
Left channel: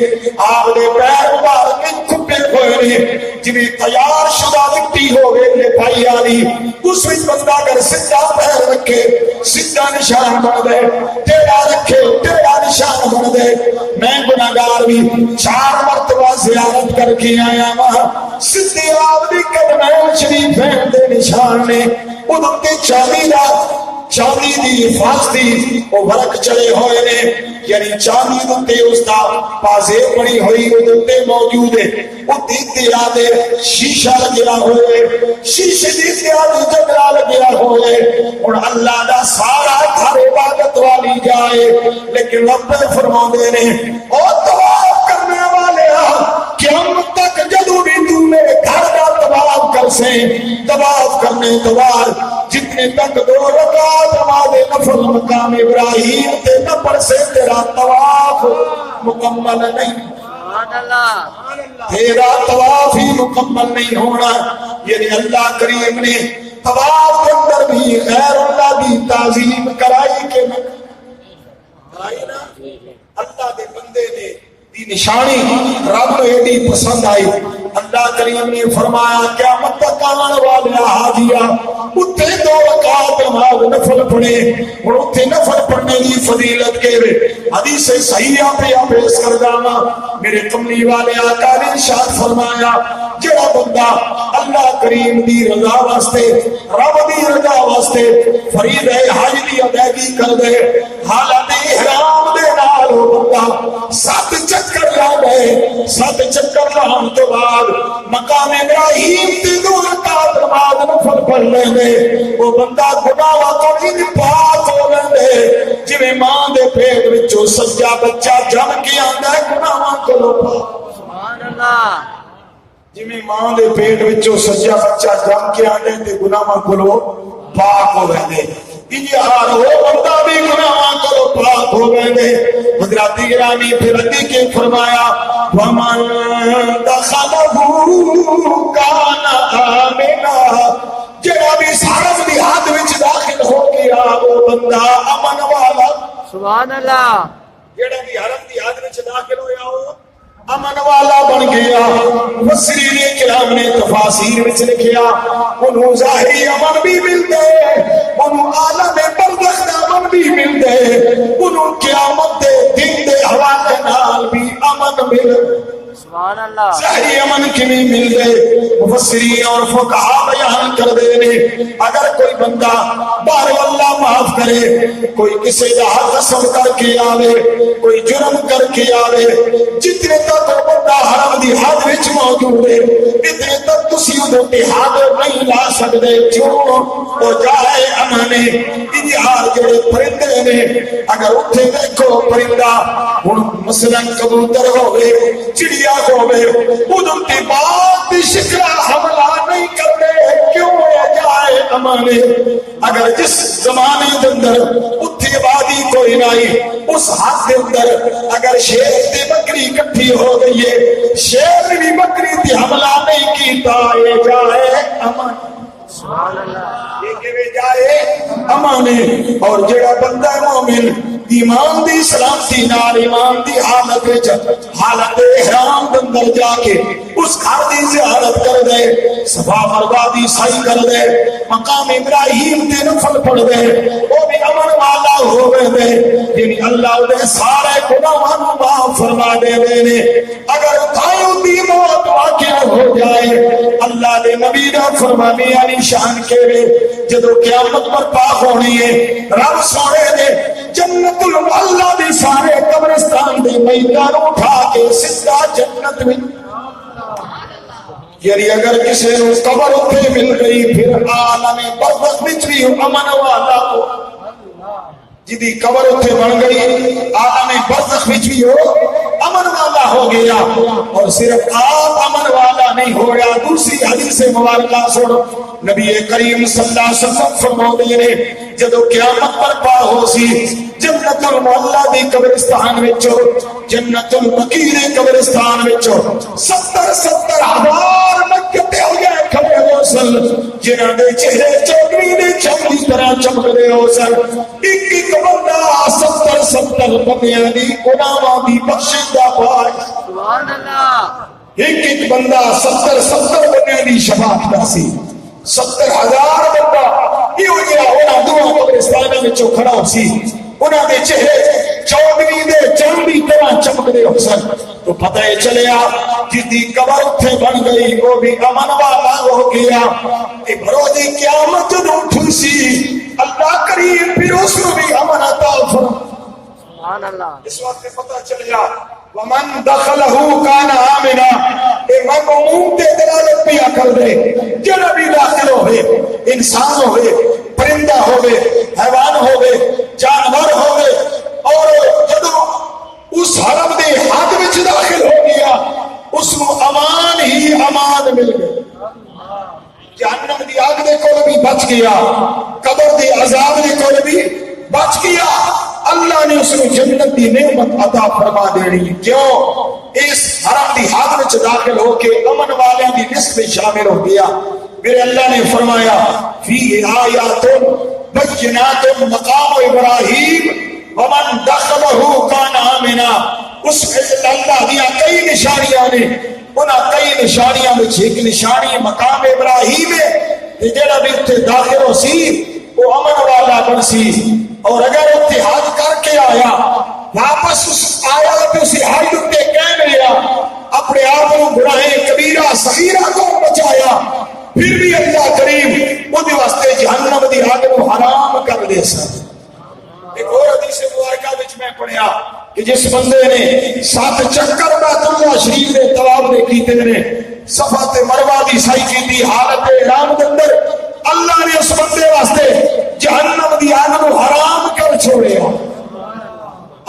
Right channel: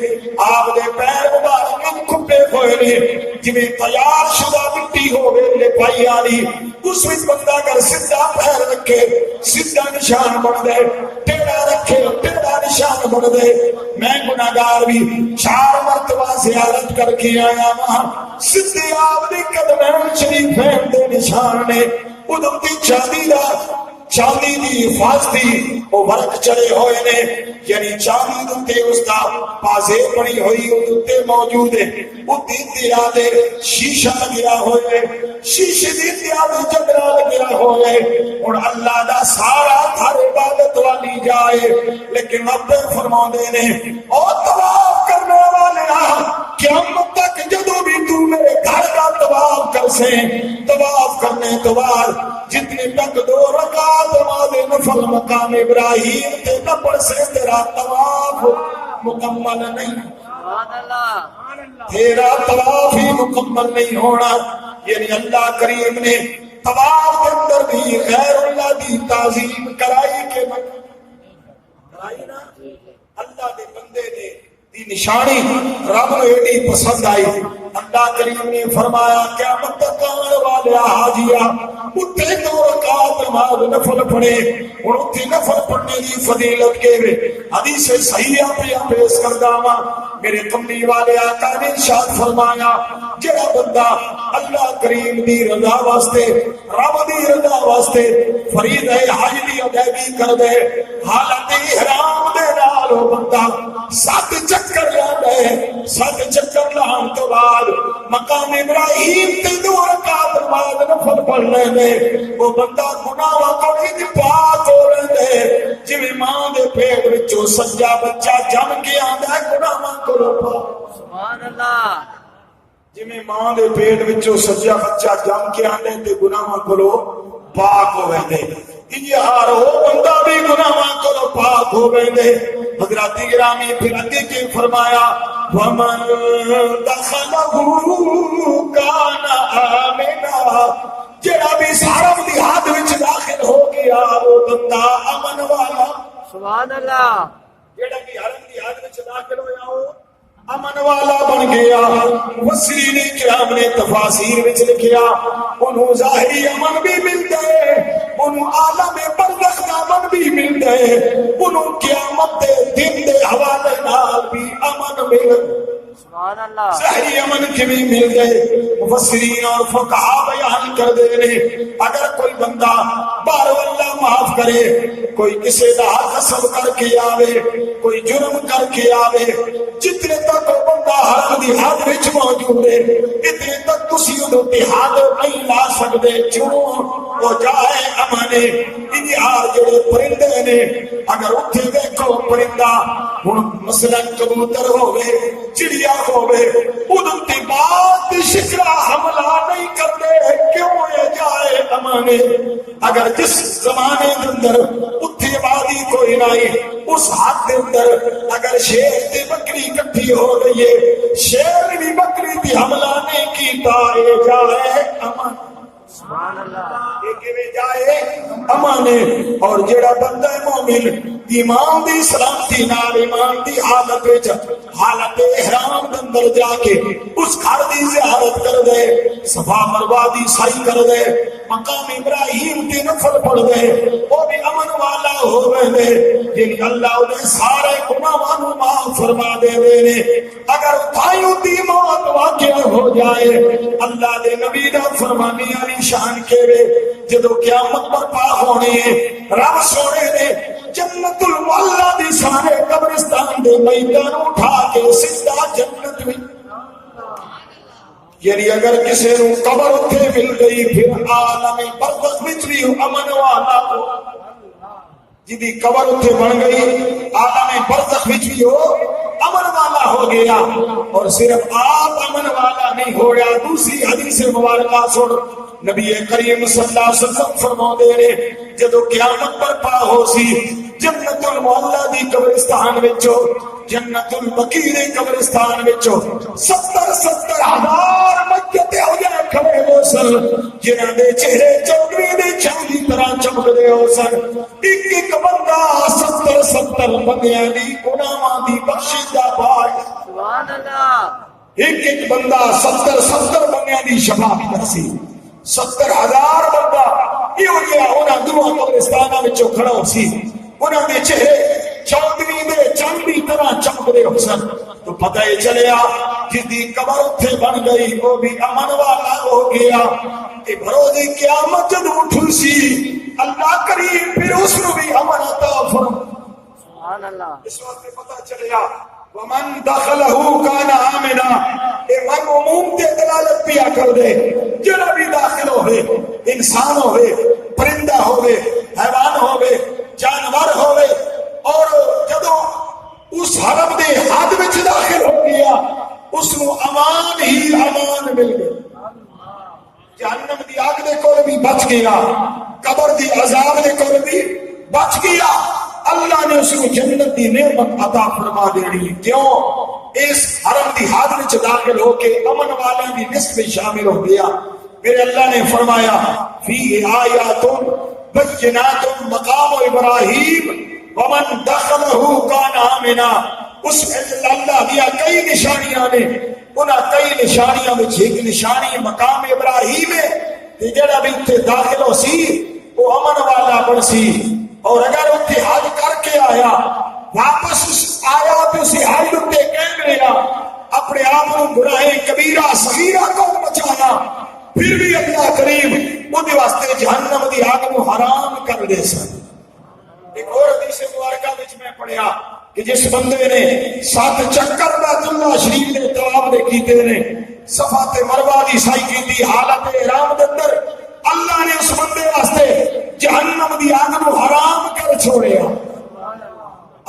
آپ نے پیر مبارک میں کھپے ہوئے نے جنہیں تیار شدہ مٹی ہو گئے لے بھائی آنی اس وچ بندہ اگر سدھا پیر رکھے سدھا نشان بن دے ٹیڑا رکھے ٹیڑا نشان بن دے میں گناہگار بھی 4 مرتبہ زیارت کر کے آیا وہاں سدھے آپ دی قدم شریف دے نشان نے ادھر تے چاندی دی حفاظتی وہ ورق چلے ہوئے نے یعنی چاندی دے اس دا پازے بنی ہوئی ادھر تے موجود ہے وہ دیتے آدھے شیشہ لگیا ہوئے شیشے دیتے آدھے جگرہ لگیا ہوئے اور اللہ دا سارا گھر عبادت والی جائے لیکن رب فرما دے نے او طواف کرنے والے قیامت تک جدو بھی تم میرے گھر کا طواف کر سے طواف کرنے کے بعد جتنے تک 2 رکعت نماز نفل مقام ابراہیم تے نہ پڑھ سے تیرا طواف مکمل نہیں سبحان اللہ تیرا طواف ہی مکمل نہیں ہونا. یعنی اللہ کریم نے طواف کے اندر بھی غیر اللہ دی تعظیم کرائی کہ نہ کرائی نا. اللہ دے بندے نے دی نشانی رب نے ایڈی پسند آئی. اللہ کریم نے فرمایا قیامت تک آنے والے حاجیاں اتھے 2 رکعت نماز نفل پڑھے. اور اتھے نفل پڑھنے دی فضیلت کے حدیث صحیح پہ پیش کردہ میرے کملی والے آقا نے ارشاد فرمایا جڑا بندہ اللہ کریم دی رضا واسطے رب دی رضا واسطے فریضہ حج دی ادائیگی کر دے حالت احرام دے نال وہ بندہ 7 چکر لا گئے. 7 چکر لاؤں تو بعد مقام ابراہیم تے 2 رکعت نماز نفل پڑھ لیں گے. وہ بندہ گناہاں تو ان پاک ہو لیں جویں ماں دے پیٹ وچوں سجا بچہ جم کے آندا ہے گناہاں کو پاک. سبحان اللہ جویں ماں دے پیٹ وچوں سجا بچہ جم کے آندے تے گناہاں کو پاک ہو ویندے. انجہار ہو بندہ بھی گناہاں کو پاک ہو ویندے. حضرات گرامی پھر اگے کے فرمایا ومن دخلہ کان آمنا. جڑا بھی حرم دی حد وچ داخل ہو گیا وہ بندہ امن والا. سبحان اللہ جڑا بھی حرم دی حد وچ داخل ہویا ہو امن والا بن گیا. مفسرین کرام نے تفاسیر وچ لکھیا انہوں ظاہری امن بھی ملدے انہوں عالم برزخ دا امن بھی ملدے انہوں قیامت دے دن دے حوالے نال بھی امن ملدے. سبحان اللہ ظاہری امن کی بھی مل گئے. مفسرین اور فقہا بیان کر دے رہے اگر کوئی بندہ بار اللہ معاف کرے کوئی کسی دا حق قسم کر کے آوے کوئی جرم کر کے آوے جتنے تک بندہ حرم دی حد وچ موجود ہے اتنے تک تسی اودے حد نہیں لا سکدے کیوں وہ جائے امانے. انہار جڑے پرندے نے اگر اتھے دیکھو پرندہ ہن مثلا کبوتر ہوے چڑیا ہوے ادھر کی بات شکرا حملہ نہیں کرتے کیوں یہ جائے امانے. اگر جس زمانے کے اندر اتھی وادی کوئی نہیں اس حد کے اندر اگر شیر تے بکری اکٹھی ہو گئی ہے شیر نے بھی بکری تے حملہ نہیں کیتا یہ جائے امان. سبحان اللہ یہ کہ جائے امانے. اور جڑا بندہ مومن ایمان دی سلامتی نال ایمان دی حالت وچ حالت احرام دے اندر جا کے اس گھر دی زیارت کر دے صفا مروہ دی سعی کر دے مقام ابراہیم تے نفل پڑھ دے وہ بھی امن والا ہوے دے. یعنی اللہ دے سارے گناہاں نوں معاف فرما دے نے. اگر تھائیوں دی موت واقع ہو جائے اللہ دے نبی دا فرمانی علی شان کے جدو قیامت برپا ہونی ہے رب سونے نے جنت المعلا دی سارے قبرستان دے میدان اٹھا کے سیدھا جنت میں. یعنی اگر کسی نے قبر اتنے مل گئی پھر عالم برزخ وچ بھی امن والا ہو جدی قبر اتنے بن گئی عالم برزخ وچ بھی ہو امن والا ہو گیا. اور صرف آپ امن والا نہیں ہو گیا دوسری حدیث مبارکہ سن نبی کریم صلی اللہ علیہ وسلم فرما دے رہے جدو قیامت برپا ہو سی جنت المعلا دی قبرستان وچوں جنت البقیع دی قبرستان وچوں 70 ہزار مکتے ہو جائے کھڑے ہو سن جنہاں دے چہرے چمڑی دے چمڑی طرح چمکدے ہو سن. ایک بندہ 70 بندیاں دی گناہاں دی بخشش دا پائے. سبحان اللہ ایک بندہ 70 بندیاں دی شفاعت دا سی. 70,000 بندہ یہ جہاں انہاں دعا قبرستاناں وچوں کھڑا ہو سی انہاں دے چہرے چودھری دے چاندی طرح چمکدے ہو سن. تو پتہ یہ چلیا جس دی قبر اتھے بن گئی وہ بھی امن والا ہو گیا. ایک روز قیامت جدوں اٹھی سی اللہ کریم پھر اس کو بھی امن عطا فرمائے. سبحان اللہ اس وقت پتہ چلیا ومن دخلہ کان آمنا. ایک مضمون تے دلالت پیا کر دے جڑا بھی داخل ہوئے انسان ہوئے پرندہ ہوئے حیوان ہوئے جانور ہوئے اور جدو اس حرم دے حد وچ داخل ہو گیا اس کو امان ہی امان مل گئے. جہنم دی آگ دے کول بھی بچ گیا قبر دی عذاب دے کول بھی بچ گیا اللہ نے اس کو جنت دی نعمت عطا فرما دینی. کیوں؟ اس حرم دی حد وچ داخل ہو کے امن والیاں دی لسٹ میں شامل ہو گیا. میرے اللہ نے فرمایا فی آیات بینات مقام ابراہیم ومن دخلہ کان آمنا. اس اللہ دیا کئی نشانیاں نے، انہاں کئی نشانیاں میں ایک نشانی مقام ابراہیم ہے کہ جڑا بھی اتنے داخل ہو سی وہ امن والا بن سی. اور اگر اتحاد کر کے آیا واپس اس آیا تو اسے حال اتے کہہ لیا اپنے آپ کو گناہ کبیرہ صغیرہ کو بچایا، پھر بھی اللہ کریم وہ واسطے جہنم دی آگ کو حرام کر دے سکتا. ایک اور حدیث مبارکہ وچ میں پڑھیا کہ جس بندے نے 7 چکر بیت اللہ شریف دے طواف دے کیتے نے، صفا تے مروہ دی سعی کیتی حالت احرام دے اندر، اللہ نے اس بندے واسطے جہنم دی آگ کو حرام کر چھوڑیا.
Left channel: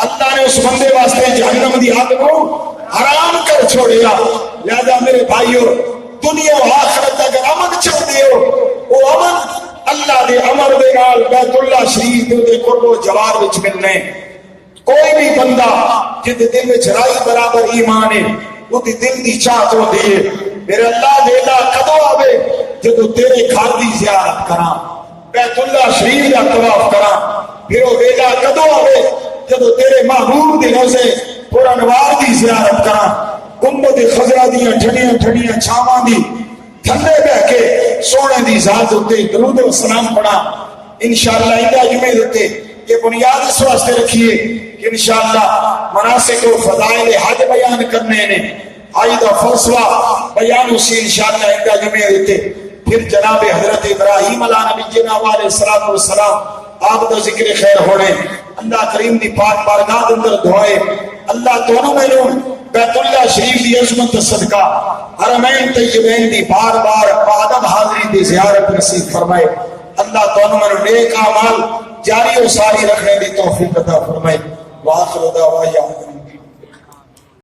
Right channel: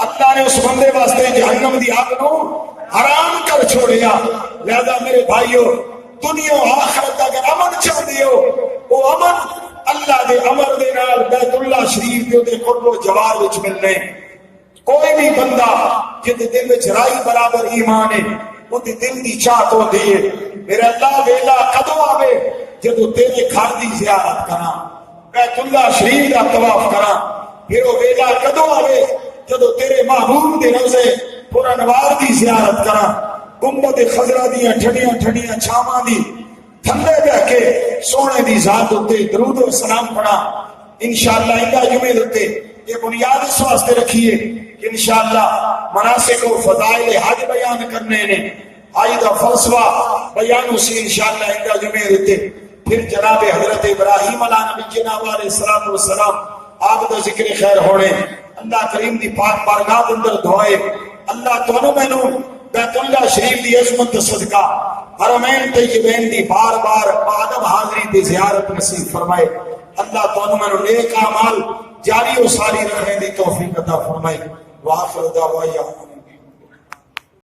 اللہ نے اس بندے واسطے جہنم دی آگ کو حرام کر چھوڑیا. لہذا میرے بھائیو، دنیا و آخرت اگر امن چاہتے ہو، وہ امن اللہ دے امر دے نال بیت اللہ شریف دے قرب و جوار وچ ملنے. کوئی بھی بندہ جد دل وچ رائی برابر ایمان ہے، وہ دی دل دی چاہت ہوندی ہے میرے اللہ ویلا کدو آوے جدو تیرے گھر دی زیارت کراں، بیت اللہ شریف دا طواف کراں. پھر وہ ویلا کدو آوے جدو تیرے محبوب دے روزے پر انوار دی زیارت کراں، گنبد خضرا دیاں ٹھڈیاں ٹھڈیاں چھاواں دی تھلے بیٹھ کے سونے دی ذات اتے درود و سلام پڑھا. انشاءاللہ اندا جمعے دیتے یہ بنیاد اس واسطے رکھیے کہ انشاءاللہ مناسک و فضائل حج بیان کرنے نے، حج دا فلسفہ بیان اسی انشاءاللہ اندا جمعے دیتے. پھر جناب حضرت ابراہیم علیہ نبی علیہ الصلوۃ والسلام آپ دا ذکر خیر ہونے. اللہ کریم دی پاک بارگاہ دے اندر دعائے اللہ تانوں مینوں بیت اللہ شریف دی عظمت صدقہ حرمین طیبین دی بار بار عبادت حاضری دی زیارت نصیب فرمائے. اللہ تانوں مینوں نیک اعمال جاری و ساری رکھنے دی توفیق عطا فرمائے. وآخر دعوانا